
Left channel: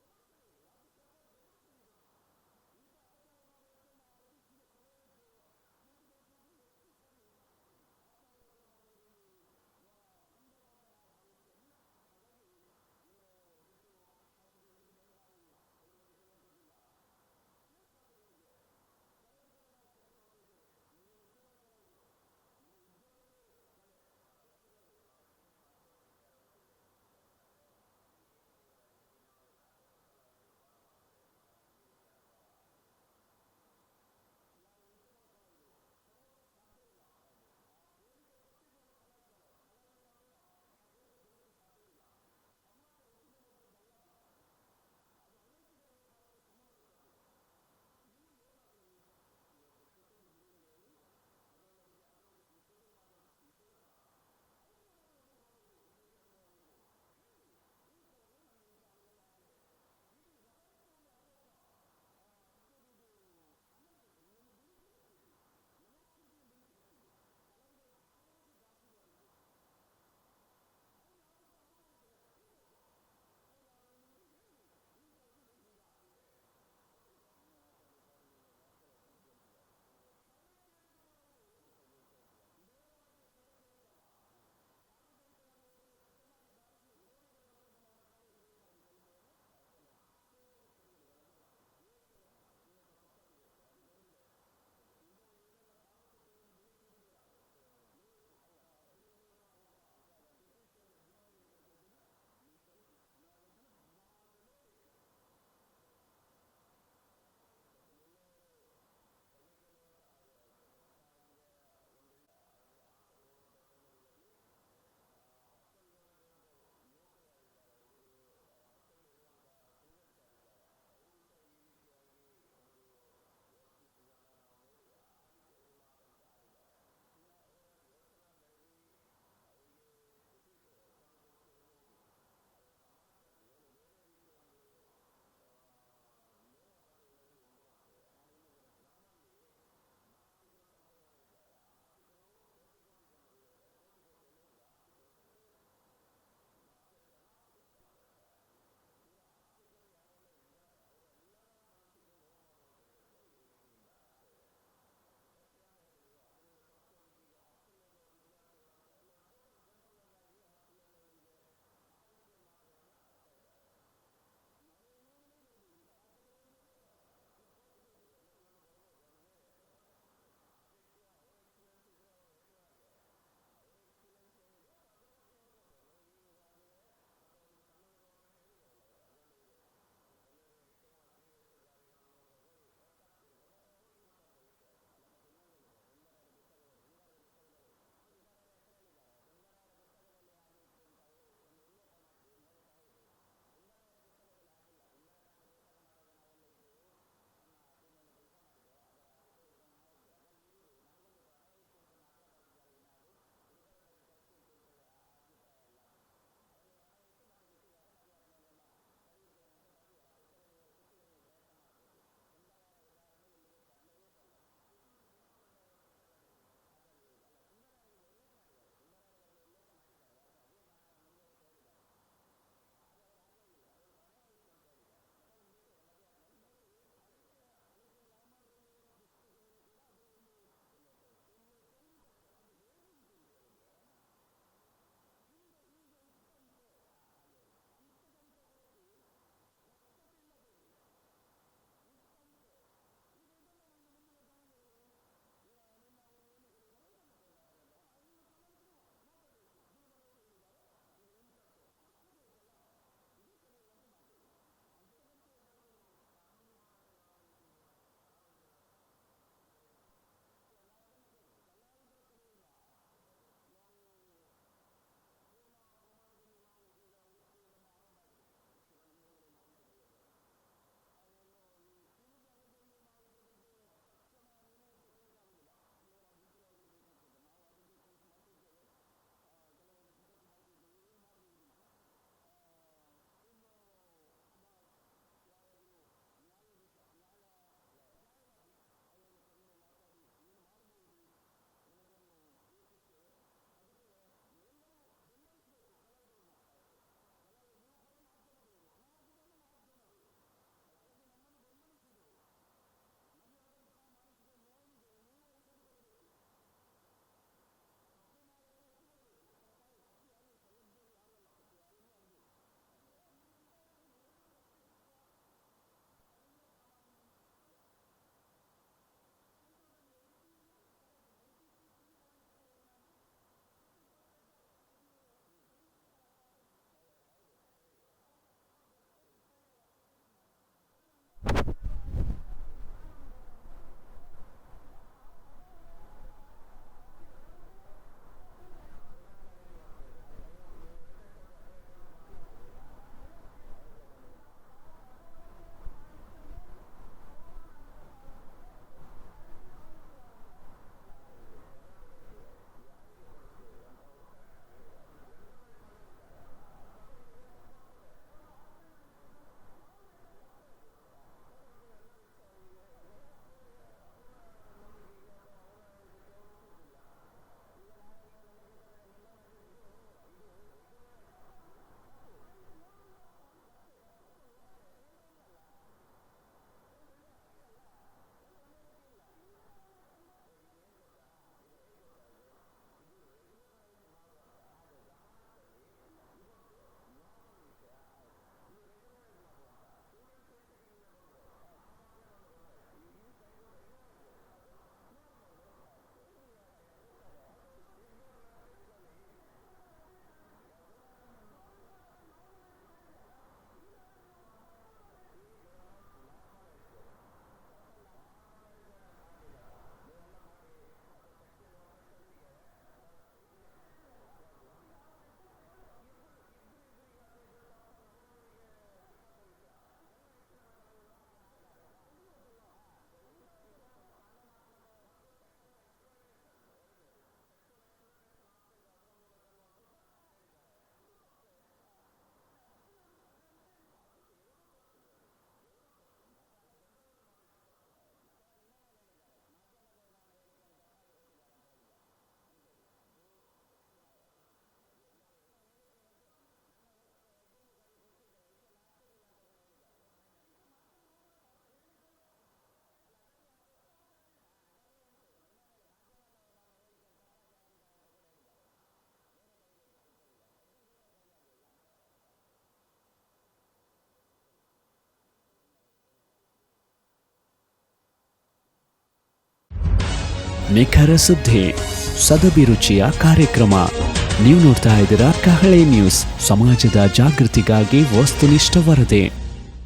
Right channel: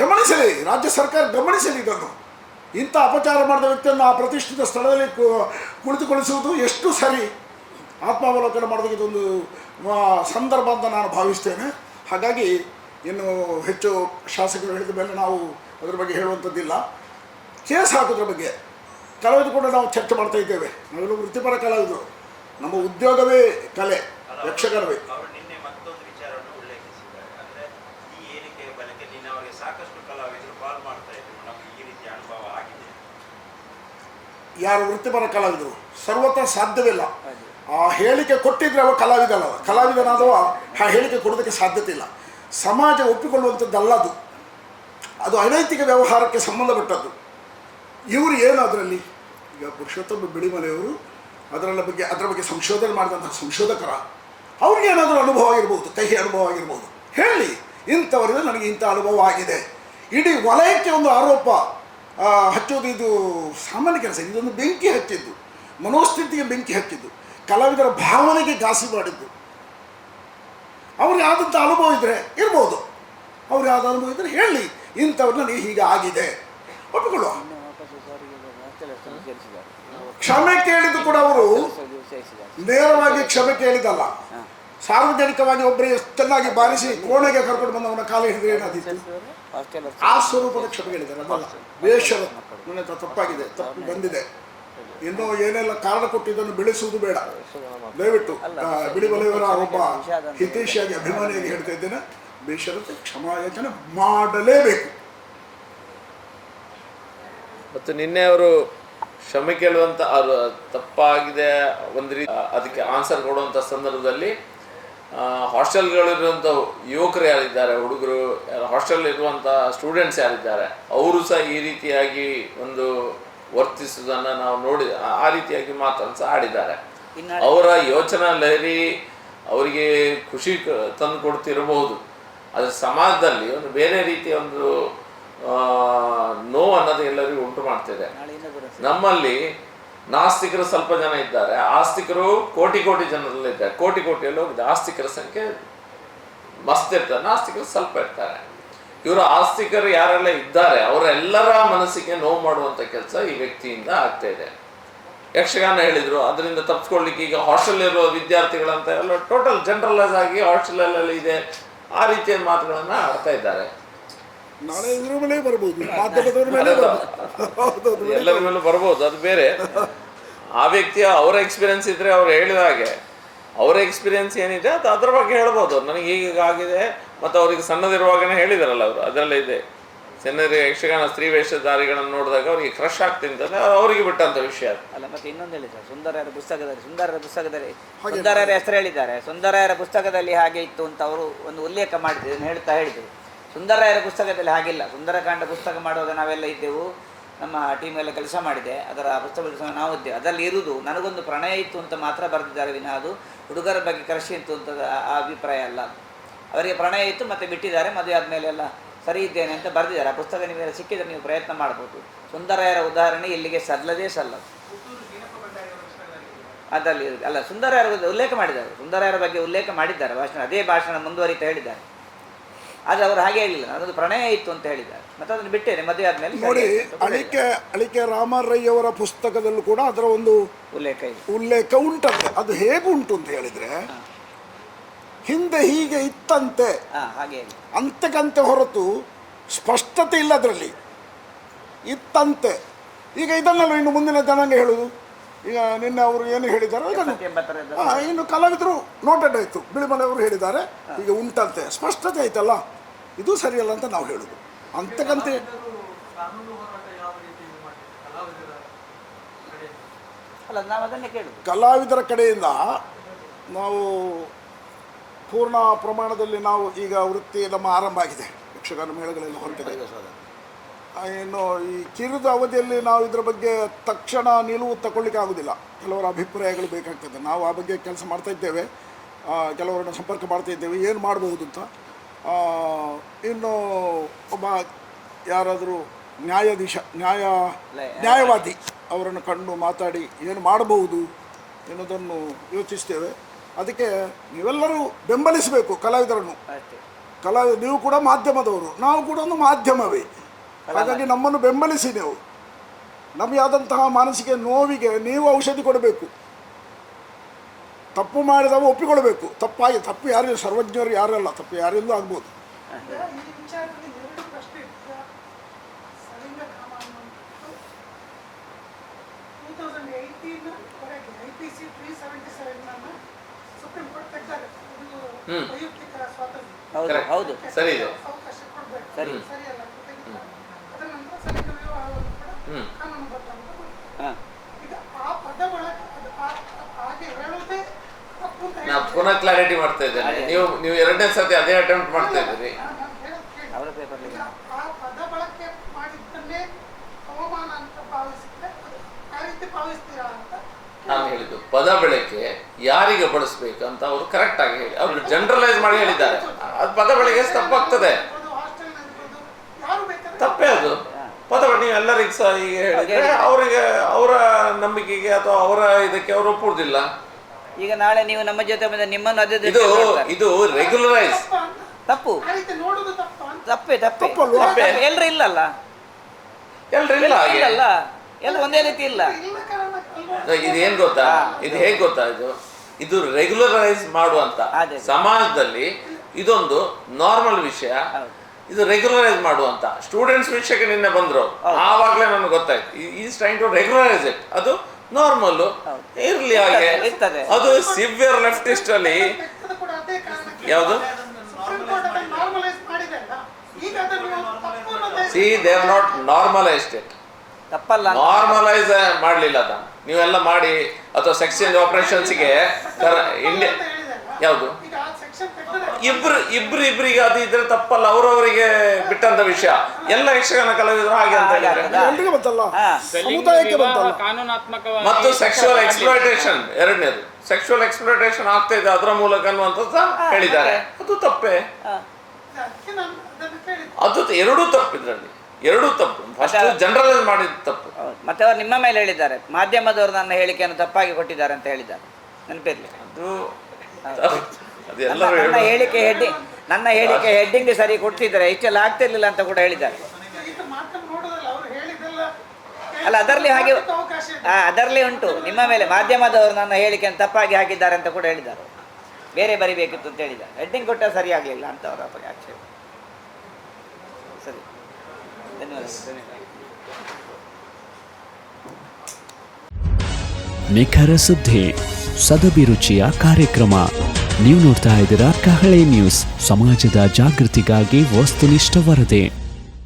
ಗಮನಿಸಲಿ, ರಾಜ್ಯ ಸರ್ಕಾರ ಗಮನಿಸಲಿ ಇದನ್ನು. ಇಂಥ ಅಪಚಾರ ಮಾಡಿದ ವ್ಯಕ್ತಿಯನ್ನು ಆ ಪ್ರತಿಷ್ಠಿತ ಸ್ಥಳದಲ್ಲಿ ಕುಳಿತುಗೊಳಿಸುವುದು ಎಷ್ಟು ಸರಿ? ಆತ್ಮಾವಲೋಕನ ಮಾಡೋದಕ್ಕೆ ಇದೊಂದು ಸಂದರ್ಭ ಅಂತ ನಾನು ಭಾವಿಸ್ತೇನೆ. ಹಾಗಾಗಿ ಇನ್ನು ಹೆಚ್ಚು ಶಾಸಕರು ಹೇಳಿದ ಮೇಲೆ ನಾವು ಅದರ ಬಗ್ಗೆ ಹೇಳುವಂಥದ್ದಿಲ್ಲ. ಕೇಸ್ ಹಾಕೋದ್ರ ಬಗ್ಗೆ ಕಲಾವಿದರು ಕೂಡ ನಾವು ಚರ್ಚೆ ಮಾಡ್ತಾ ಇದ್ದೇವೆ. ನಾವೆಲ್ಲ ವೃತ್ತಿಪರ ಕಲಾವಿದರು, ನಮ್ಮ ಉದ್ಯೋಗವೇ ಕಲೆ, ಯಕ್ಷಗಾನವೇ. ನಿನ್ನೆ ಮತ್ತೊಂದು ವಿಚಾರವನ್ನು ಉಲ್ಲೇಖಿಸಿದ್ದಾರೆ. ಅಂದರೆ ಈ ಏರಿಕೆಯ ಬಳಿಕ ನಿನ್ನವರಿಗೆ ಸಾಕಷ್ಟು ಕಲಾವಿದರು ಕಾಲ್ ಮಾಡ್ತಾ ಇದ್ರು, ನಮಗೆ ಈ ರೀತಿಯ ಅನುಭವ ಆಗಿದೆ. ಯಾರು ವೃತ್ತಿಪರ ಕಲಾವಿದರು? ಸರ್ವತ್ರ ಸಾಧ್ಯವಿಲ್ಲ. ಆ ಹೇಳಿಕೆ ಕೊಟ್ಟಿದ್ರೆ ಅವ ಕಲಾವಿದಲ್ಲ. ಕಲಾವಿದನಾದವ ಆ ಹೇಳಿಕೆ ಕೊಡೋದಕ್ಕೆ ಸಾಧ್ಯತೆ ಇಲ್ಲ. ಸಮಾಜ ಒಪ್ಪಿಕೊಳ್ಳುವಂಥದ್ದಲ್ಲ ಅದು. ಅದು ಅನೈತಿಕ ವ್ಯವಹಾರಕ್ಕೆ ಸಂಬಂಧಪಟ್ಟದ್ದು. ಇವರು ಏನು ಅದರಲ್ಲಿ, ಈಗ ಪುರುಷೋತ್ತಮ ಬಿಳಿಮಲೆಯವರು ಅದರ ಬಗ್ಗೆ ಸಂಶೋಧನೆ ಮಾಡಿದಂಥ ಸಂಶೋಧಕರ, ಅವ್ರಿಗೇನಾದರೂ ಅನುಭವ ಆಗಿರ್ಬೋದು, ಕಹಿ ಅನುಭವ ಆಗಿರ್ಬೋದು. ಹೇಳಿ, ಇಂಥವರಿಂದ ನನಗೆ ಇಂಥ ಅನುಭವ ಆಗಿದೆ. ಇಡೀ ವಲಯಕ್ಕೆ ಒಂದು ಆರೋಪ ಹಚ್ಚೋದು ಇದು ಸಾಮಾನ್ಯ ಕೆಲಸ. ಇದೊಂದು ಬೆಂಕಿ ಹಚ್ಚಿದ್ದು, ಮನೋಸ್ಥಿತಿಗೆ ಬೆಂಕಿ ಹಚ್ಚಿದ್ದು, ಕಲಾವಿದರ ಭಾವನೆಗೆ ಘಾಸಿ ಮಾಡಿದ್ದು. ಅವ್ರಿಗೆ ಆದಂಥ ಅನುಭವ ಇದ್ದರೆ ಇರ್ಬೋದು, ಅವ್ರಿಗೆ ಆದ ಅನುಭವ ಇದ್ದರೆ ಹೇಳಿ, ಇಂಥವ್ರು ನನಗೆ ಹೀಗೆ ಆಗಿದೆ, ಒಪ್ಪಿಕೊಳ್ಳುವ. ಕ್ಷಮೆ ಕೇಳಿದ್ದು ಕೂಡ ಅವರು ನೇರವಾಗಿ ಕ್ಷಮೆ ಕೇಳಿದಲ್ಲ, ಸಾರ್ವಜನಿಕವಾಗಿ ಒಬ್ಬರಿಗೆ ಚೆನ್ನಾಗಿ ಬಾರಿಸಿ ಕೋಣೆಗೆ ಕರ್ಕೊಂಡು ಬಂದವನ ಕಾಲ ಹಿಡಿದ್ರೆ ಏನಾದಿತ್ತು, ಆ ಸ್ವರೂಪದ ಕ್ಷಮೆ ಕೇಳಿದ್ದಾರೆ. ಅದಲ್ಲ ಬೇಷರ, ನನ್ನ ತಪ್ಪಾಗಿದೆ, ತಪ್ಪು ಬಂದಿದೆ, ಇನ್ನೂ ಏನೆಲ್ಲ ಕಾರಣ ಕೊಟ್ಟಿದ್ದನ್ನು ಬೆಳೆಸುವುದು ಬೇಡ. ದಯವಿಟ್ಟು ಬಿಳಿಮಲೆಯವರ ಒಬ್ಬ ಹಿತೈಷಿಯಾಗಿ ಅಭಿಮಾನಿಯಾಗಿ ಹೇಳ್ತಾ ಇದ್ದೇನೆ, ಬೇಷರತೆ ಕ್ಷಮಾಯಾಚನೆ ಮಾಡಲೇಬೇಕು. ಮತ್ತು ನಿನ್ನೆ ಅವರು ಕ್ಷಮೆ ಕೇಳುವಂಥ ಅವರು ತಪ್ಪಾಗಿದೆ ಒಂದು ರೀತಿ ಅದಕ್ಕೆ ಆನ್ಸರ್ ಕೊಡುವಂಥ ಸಂದರ್ಭದಲ್ಲಿ ಹಾಸ್ಟೆಲ್ಗಳಿರುವಂಥ ಯುವಕರು ಯಾರಿದ್ದಾರೆ, ಹುಡುಗರು ಹಾಸ್ಟೆಲ್ ಇರುವಂಥ ಸ್ಟೂಡೆಂಟ್ಸ್ ಯಾರಿದ್ದಾರೆ, ಅವರು ಸಹ ಈ ರೀತಿಯಾಗಿ ಒಂದು ವರ್ತಿಸುವುದನ್ನು ನಾವು ನೋಡಿ ಆ ರೀತಿಯಾಗಿ ಮಾತನ್ನು ಸಹ ಆಡಿದ್ದಾರೆ. ಅವರ ಯೋಚನಾ ಲಹರಿ ಅವರಿಗೆ ಖುಷಿ ತಂದು ಕೊಡ್ತಿರಬಹುದು, ಅದು ಸಮಾಜದಲ್ಲಿ ಒಂದು ಬೇರೆ ರೀತಿಯ ಒಂದು ನೋವು ಅನ್ನೋದು ಎಲ್ಲರಿಗೂ ಉಂಟು ಮಾಡ್ತಿದೆ. ನಮ್ಮಲ್ಲಿ ನಾಸ್ತಿಕರು ಸ್ವಲ್ಪ ಜನ ಇದ್ದಾರೆ, ಆಸ್ತಿಕರು ಕೋಟಿ ಜನರಲ್ಲಿದ್ದಾರೆ, ಕೋಟಿಯಲ್ಲಿ ಹೋಗಿದೆ. ಆಸ್ತಿಕರ ಸಂಖ್ಯೆ ಮಸ್ತ್ ಇರ್ತಾರೆ, ನಾಸ್ತಿಕರು ಸ್ವಲ್ಪ ಇರ್ತಾರೆ. ಇವರು ಆಸ್ತಿಕರು ಯಾರೆಲ್ಲ ಇದ್ದಾರೆ ಅವರೆಲ್ಲರ ಮನಸ್ಸಿಗೆ ನೋವು ಮಾಡುವಂಥ ಕೆಲಸ ಈ ವ್ಯಕ್ತಿಯಿಂದ ಆಗ್ತಾ ಇದೆ. ಯಕ್ಷಗಾನ ಹೇಳಿದರು, ಅದರಿಂದ ತಪ್ಪಿಸ್ಕೊಳ್ಳಿಕ್ಕೆ ಈಗ ಹಾಸ್ಟೆಲ್ ಇರುವ ವಿದ್ಯಾರ್ಥಿಗಳಂತ ಎಲ್ಲ ಟೋಟಲ್ ಜನರಲೈಸ್ ಆಗಿ ಹಾಸ್ಟೆಲಲ್ಲಿ ಇದೆ, ಆ ರೀತಿಯ ಮಾತುಗಳನ್ನು ಆಡ್ತಾ ಇದ್ದಾರೆ. ನಾಳೆ ಇದ್ರ ಮೇಲೆ ಬರ್ಬೋದು, ಮಾಧ್ಯಮದವ್ರ ಮೇಲೆ ಎಲ್ಲರ ಮೇಲೂ ಬರ್ಬೋದು, ಅದು ಬೇರೆ. ಆ ವ್ಯಕ್ತಿಯ ಅವರ ಎಕ್ಸ್ಪೀರಿಯನ್ಸ್ ಇದ್ರೆ ಅವ್ರು ಹೇಳಿದ ಹಾಗೆ ಅವರ ಎಕ್ಸ್ಪೀರಿಯನ್ಸ್ ಏನಿದೆ ಅದು ಅದ್ರ ಬಗ್ಗೆ ಹೇಳ್ಬೋದು. ನನಗೆ ಹೀಗಾಗಿದೆ, ಮತ್ತು ಅವ್ರಿಗೆ ಸಣ್ಣದಿರುವಾಗನೇ ಹೇಳಿದಾರಲ್ಲ ಅವರು, ಅದರಲ್ಲೇ ಇದೆ. ಸಣ್ಣದ ಯಕ್ಷಗಾನ ಸ್ತ್ರೀ ವೇಷಧಾರಿಗಳನ್ನು ನೋಡಿದಾಗ ಅವರಿಗೆ ಕ್ರಶ್ ಆಗ್ತಿಂತಂದ್ರೆ ಅವರಿಗೆ ಬಿಟ್ಟಂತ ವಿಷಯ ಅಲ್ಲ. ಮತ್ತೆ ಇನ್ನೊಂದು ಹೇಳಿದ್ದಾರೆ, ಸುಂದರರ ಪುಸ್ತಕದಲ್ಲಿ ಸುಂದರರ ಹೆಸರು ಹೇಳಿದ್ದಾರೆ. ಸುಂದರರ ಪುಸ್ತಕದಲ್ಲಿ ಹಾಗೆ ಇತ್ತು ಅಂತ ಅವರು ಒಂದು ಉಲ್ಲೇಖ ಮಾಡಿದ್ರು, ಹೇಳಿದರು. ಸುಂದರರ ಪುಸ್ತಕದಲ್ಲಿ ಹಾಗಿಲ್ಲ. ಸುಂದರಕಾಂಡ ಪುಸ್ತಕ ಮಾಡುವಾಗ ನಾವೆಲ್ಲ ಇದ್ದೆವು, ನಮ್ಮ ಟೀಮೆಲ್ಲ ಕೆಲಸ ಮಾಡಿದೆ, ಅದರ ಪುಸ್ತಕ ನಾವು ಇದ್ದೇವೆ. ಅದರಲ್ಲಿ ಇರುವುದು ನನಗೊಂದು ಪ್ರಣಯ ಇತ್ತು ಅಂತ ಮಾತ್ರ ಬರೆದಿದ್ದಾರೆ ವಿನ ಅದು ಹುಡುಗರ ಬಗ್ಗೆ ಕೃಷಿ ಇತ್ತು ಅಂತ ಆ ಅಭಿಪ್ರಾಯ ಅಲ್ಲ. ಅವರಿಗೆ ಪ್ರಣಯ ಇತ್ತು, ಮತ್ತೆ ಬಿಟ್ಟಿದ್ದಾರೆ, ಮದುವೆ ಆದಮೇಲೆಲ್ಲ ಸರಿ ಇದ್ದೇನೆ ಅಂತ ಬರೆದಿದ್ದಾರೆ. ಆ ಪುಸ್ತಕ ನಿಮಗೆ ಸಿಕ್ಕಿದರೆ ನೀವು ಪ್ರಯತ್ನ ಮಾಡ್ಬೋದು. ಸುಂದರರ ಉದಾಹರಣೆ ಇಲ್ಲಿಗೆ ಸಲ್ಲದೇ ಸಲ್ಲದು. ಅದರಲ್ಲಿ ಅಲ್ಲ, ಸುಂದರರ ಉಲ್ಲೇಖ ಮಾಡಿದ್ದಾರೆ, ಸುಂದರರ ಬಗ್ಗೆ ಉಲ್ಲೇಖ ಮಾಡಿದ್ದಾರೆ ಭಾಷಣ, ಅದೇ ಭಾಷಣ ಮುಂದುವರಿತಾ ಹೇಳಿದ್ದಾರೆ. ಆದರೆ ಅವರು ಹಾಗೆ ಹೇಳಿಲ್ಲ, ಅದೊಂದು ಪ್ರಣಯ ಇತ್ತು ಅಂತ ಹೇಳಿದ್ದಾರೆ, ಮತ್ತೆ ಅದನ್ನು ಬಿಟ್ಟೇನೆ ಮದುವೆ ಆದಮೇಲೆ. ನೋಡಿ, ಅಳಿಕೆ ರಾಮರಯ್ಯವರ ಪುಸ್ತಕದಲ್ಲೂ ಕೂಡ ಅದರ ಒಂದು ಉಲ್ಲೇಖ ಉಂಟಂತೆ. ಅದು ಹೇಗೆ ಉಂಟು ಅಂತ ಹೇಳಿದರೆ, ಹಿಂದೆ ಹೀಗೆ ಇತ್ತಂತೆ ಹಾಗೆ ಹೇಳಿ. ಅಂತಕ್ಕಂತೆ ಹೊರತು ಸ್ಪಷ್ಟತೆ ಇಲ್ಲ ಅದರಲ್ಲಿ. ಇತ್ತಂತೆ. ಈಗ ಇದನ್ನೆಲ್ಲ ಇನ್ನು ಮುಂದಿನ ಜನಾಂಗ ಹೇಳುವುದು. ಈಗ ನಿನ್ನೆ ಅವರು ಏನು ಹೇಳಿದ್ದಾರೆ ಅದನ್ನು 78 ಇನ್ನು ಕಲಾವಿದರು ನೋಟೆಡ್ ಆಯಿತು. ಬಿಳಿಮಲೆ ಅವರು ಹೇಳಿದ್ದಾರೆ ಈಗ ಉಂಟಂತೆ, ಸ್ಪಷ್ಟತೆ ಆಯ್ತಲ್ಲ, ಇದು ಸರಿಯಲ್ಲ ಅಂತ ನಾವು ಹೇಳುದು. ಅಂತಕ್ಕಂತೆ ಅಲ್ಲ, ನಾವು ಅದನ್ನೇ ಕೇಳುದು. ಕಲಾವಿದರ ಕಡೆಯಿಂದ ನಾವು ಪೂರ್ಣ ಪ್ರಮಾಣದಲ್ಲಿ ನಾವು ಈಗ ವೃತ್ತಿ ನಮ್ಮ ಆರಂಭ ಆಗಿದೆ. ಯಕ್ಷಗಾನ ಮೇಳಗಳೆಲ್ಲ ಹೊರಟಿದೆ. ಇನ್ನು ಈ ಕಿರಿದ ಅವಧಿಯಲ್ಲಿ ನಾವು ಇದರ ಬಗ್ಗೆ ತಕ್ಷಣ ನಿಲುವು ತಗೊಳ್ಳಿಕ್ಕೆ ಆಗೋದಿಲ್ಲ. ಕೆಲವರ ಅಭಿಪ್ರಾಯಗಳು ಬೇಕಾಗ್ತದೆ. ನಾವು ಆ ಬಗ್ಗೆ ಕೆಲಸ ಮಾಡ್ತಾ ಇದ್ದೇವೆ, ಕೆಲವರನ್ನು ಸಂಪರ್ಕ ಮಾಡ್ತಾ ಇದ್ದೇವೆ ಏನು ಮಾಡಬಹುದು ಅಂತ. ಇನ್ನು ಒಬ್ಬ ಯಾರಾದರೂ ನ್ಯಾಯವಾದಿ ಅವರನ್ನು ಕಂಡು ಮಾತಾಡಿ ಏನು ಮಾಡಬಹುದು ಎನ್ನುವುದನ್ನು ಯೋಚಿಸ್ತೇವೆ. ಅದಕ್ಕೆ ನೀವೆಲ್ಲರೂ ಬೆಂಬಲಿಸಬೇಕು ಕಲಾವಿದರನ್ನು. ನೀವು ಕೂಡ ಮಾಧ್ಯಮದವರು, ನಾವು ಕೂಡ ಒಂದು ಮಾಧ್ಯಮವೇ. ಹಾಗಾಗಿ ನಮ್ಮನ್ನು ಬೆಂಬಲಿಸಿ. ನೀವು ನಮಗೆ ಆದಂತಹ ಮಾನಸಿಕ ನೋವಿಗೆ ನೀವು ಔಷಧಿ ಕೊಡಬೇಕು. ತಪ್ಪು ಮಾಡಿದವ ಒಪ್ಪಿಕೊಳ್ಬೇಕು. ತಪ್ಪು ಯಾರು ಸರ್ವಜ್ಞರು ಯಾರಲ್ಲ, ತಪ್ಪು ಯಾರಿಂದೂ ಆಗ್ಬೋದು. ಈ ವಿಚಾರದಲ್ಲಿ 2 ಪ್ರಶ್ನೆ ಇತ್ತು. ಸಲಿಂಗಕಾಮ ಅನ್ನುವಂಥದ್ದು 2018 ವರೆಗೆ IPC 377 ಸುಪ್ರೀಂ ಕೋರ್ಟ್ ತೆಗೆದಾಗ ಇದು ವೈಯಕ್ತಿಕ ಸ್ವಾತಂತ್ರ್ಯ ಹೌದು ಸರಿ ಇದೆ. ಅವಕಾಶ ಕೊಡಬೇಕು, ಸರಿ. ಸರಿಯಲ್ಲ ಅಂತ ತೆಗಿತಾರೆ. ಅದರ ನಂತರ ಸಲಿಂಗ ವಿವಾಹವನ್ನು ಕೂಡ ಕಾನೂನುಬದ್ಧ ಅಂತ ಮಾಡ್ತಾರೆ. ಈಗ ಆ ಪದ ಒಳಗೆ ಅದು ಹಾಗೆ ಹೇಳೋದೇ ತಪ್ಪು ಅಂತ ನಾನು ಪುನಃ ಕ್ಲಾರಿಟಿ ಮಾಡ್ತಾ ಇದ್ದೇನೆ. ನೀವು ಎರಡನೇ ಸರ್ತಿ ಅದೇ ಅಟೆಂಪ್ಟ್ ಮಾಡ್ತಾ ಇದ್ದೀರಿ. ಅವರ ಪೇಪರ್ ಆ ಪದ ಬಳಕೆ ಮಾಡಿದ್ದನ್ನೇ ಅವಮಾನ ಅಂತ ಭಾವಿಸಿದ್ರೆ ಆ ರೀತಿ ಭಾವಿಸ್ತೀರಾ ಅಂತ ನಾನು ಹೇಳಿದ್ದು ಪದ ಬಳಕೆ ಯಾರಿಗೆ ಬಳಸಬೇಕು ಅಂತ ಅವರು ಕರೆಕ್ಟ್ ಆಗಿ ಹೇಳಿ, ಅವರು ಜನರಲೈಸ್ ಮಾಡಿ ಹೇಳಿದ್ದಾರೆ. ಅದು ಪದ ಬಳಕೆ ತಪ್ಪಾಗ್ತದೆ, ಯಾರು ಬೇಕಾದ್ರೆ ತಪ್ಪೇ ಅದು. ಪದ ನೀವು ಎಲ್ಲರಿಗೂ ಸಹ ಈಗ ಹೇಳಿದ್ರೆ ಅವರಿಗೆ ಅವರ ನಂಬಿಕೆಗೆ ಅಥವಾ ಅವರ ಇದಕ್ಕೆ ಅವರು ಒಪ್ಪುವುದಿಲ್ಲ. ಈಗ ನಾಳೆ ನೀವು ನಮ್ಮ ಜೊತೆ ಬಂದ ನಿಮ್ಮನ್ನು ಅದೇ ಇದು ರೆಗ್ಯುಲರೈಸ್ ತಪ್ಪು. ಆ ರೀತಿ ನೋಡುದು ತಪ್ಪು ಅಂತ ತಪ್ಪೇ ಎಲ್ರು ಇಲ್ಲಲ್ಲ, ಎಲ್ರು ಇಲ್ಲ ಹಾಗೆ ಇಲ್ಲಲ್ಲ, ಎಲ್ರು ಒಂದೇ ರೀತಿ ಇಲ್ಲ. ಇಲ್ಲ ಕಾರಣ ಅಲ್ವಾ? ಇದು ಏನ್ ಗೊತ್ತಾ, ಇದು ಹೇಗೆ ಗೊತ್ತಾ, ಇದು ರೆಗ್ಯುಲರೈಸ್ ಮಾಡುವಂತ ಸಮಾಜದಲ್ಲಿ ಇದೊಂದು ನಾರ್ಮಲ್ ವಿಷಯ. ಇದು ರೆಗ್ಯುಲರೈಸ್ ಮಾಡುವಂತ ಸ್ಟೂಡೆಂಟ್ಸ್ ವಿಷಯಕ್ಕೆ ನಿನ್ನೆ ಬಂದ್ರು, ಆವಾಗಲೇ ನನಗೆ ಗೊತ್ತಾಯ್ತು. Is trying to regularise it. ಅದು ನಾರ್ಮಲ್ ಇರ್ಲಿ ಹಾಗೆ. ಅದು ಸಿವಿಯರ್ ಲೆಫ್ಟಿಸ್ಟ್ ಅಲ್ಲಿ ಅದು ಕೂಡ ಅದೇ ಕಾರಣಕ್ಕೆ ಯಾವುದು ಸುಪ್ರೀಂ ಕೋರ್ಟ್ ಅದನ್ನು ನಾರ್ಮಲೈಸ್ ಮಾಡಿದೆ ಅಲ್ಲ, ಈಗ ಅದನ್ನು ತಪ್ಪು ಅನ್ನೋದೇ C they are not normalised it. ತಪ್ಪಲ್ಲ ಅಂತ. ನಾರ್ಮಲೈಸ್ ಮಾಡಲಿಲ್ಲ ಅದನ್ನು ನೀವೆಲ್ಲ ಮಾಡಿ. ಅಥವಾ ಸೆಕ್ಷನ್ ಆಪರೇಷನ್ಸ್ಗೆ ಇಂಡಿಯಾ ಯಾವುದು ಈಗ ಆ ಸೆಕ್ಷನ್ ತೆಗೆದ್ರೆ ಇಬ್ಬರಿಗೆ ಅದು ಇದ್ರೆ ತಪ್ಪಲ್ಲ, ಅವರವರಿಗೆ ಬಿಟ್ಟಂತ ವಿಷಯ. ಎಲ್ಲ ಯಕ್ಷಗಾನ ಕಲಾವಿದರು ಹಾಗೆ ಅಂತ ಹೇಳಿದ್ರೆ ಎಲ್ರಿಗೂ ಬಂತಲ್ಲ, ಸಮುದಾಯಕ್ಕೆ ಬಂತಲ್ಲ. ಕಾನೂನಾತ್ಮಕವಾಗಿ ಮತ್ತು ಸೆಕ್ಷುವಲ್ ಎಕ್ಸ್ಪ್ಲಾಯ್ಟೇಷನ್, ಎರಡನೇದು ಸೆಕ್ಷುವಲ್ ಎಕ್ಸ್ಪ್ಲಾಯ್ಟೇಷನ್ ಆಗ್ತಾ ಇದೆ ಅದರ ಮೂಲಕ ಅನ್ನುವಂಥದ್ದು ಹೇಳಿದ್ದಾರೆ. ಅದು ತಪ್ಪೇ, ಅದಕ್ಕೆ ನಾನು ಅದನ್ನು ಕೇಳಿದ್ದೆ. ಅದು ಎರಡೂ ತಪ್ಪು. ಇದರಲ್ಲಿ ಎರಡೂ ತಪ್ಪು. ಫಸ್ಟ್ ಜನರಲೈಸ್ ಮಾಡಿದ ತಪ್ಪು. ಮತ್ತೆ ಅವರು ನಿಮ್ಮ ಮೇಲೆ ಹೇಳಿದ್ದಾರೆ, ಮಾಧ್ಯಮದವರು ನನ್ನ ಹೇಳಿಕೆಯನ್ನು ತಪ್ಪಾಗಿ ಕೊಟ್ಟಿದ್ದಾರೆ ಅಂತ ಹೇಳಿದ್ದಾರೆ, ನೆನಪಿರ್ಲಿ. ಅದು ಎಲ್ಲರೂ ನನ್ನ ಹೇಳಿಕೆ ಹೆಡ್ಡಿಂಗ್ ಸರಿ ಕೊಡ್ತಿದ್ದಾರೆ, ಇಷ್ಟೆಲ್ಲ ಆಗ್ತಿರ್ಲಿಲ್ಲ ಅಂತ ಕೂಡ ಹೇಳಿದ್ದಾರೆ. ಈಗ ಮಾತನ್ನು ನೋಡೋದಲ್ಲ, ಅವರು ಹೇಳಿದೆಲ್ಲ ಅಲ್ಲ, ಅದರಲ್ಲಿ ಹಾಗೆ ಅವಕಾಶ ಇದೆ. ಅದರಲ್ಲಿ ಉಂಟು ನಿಮ್ಮ ಮೇಲೆ ಮಾಧ್ಯಮದವರು ನನ್ನ ಹೇಳಿಕೆಯನ್ನು ತಪ್ಪಾಗಿ ಹಾಕಿದ್ದಾರೆ ಅಂತ ಕೂಡ ಹೇಳಿದ್ದಾರೆ. ಬೇರೆ ಬರಿಬೇಕಿತ್ತು ಅಂತ ಹೇಳಿದ್ದಾರೆ. ಹೆಡ್ಡಿಂಗ್ ಕೊಟ್ಟ ಸರಿ ಆಗಲಿಲ್ಲ ಅಂತ ಅವರ ಆಕ್ಷೇಪ. ಸರಿ, ಧನ್ಯವಾದ. ನಿಖರ ಸುದ್ದಿ, ಸದಭಿರುಚಿಯ ಕಾರ್ಯಕ್ರಮ. ನೀವು ನೋಡ್ತಾ ಇದ್ದೀರಾ ಕಹಳೆ ನ್ಯೂಸ್, ಸಮಾಜದ ಜಾಗೃತಿಗಾಗಿ ವಸ್ತುನಿಷ್ಠ ವರದಿ.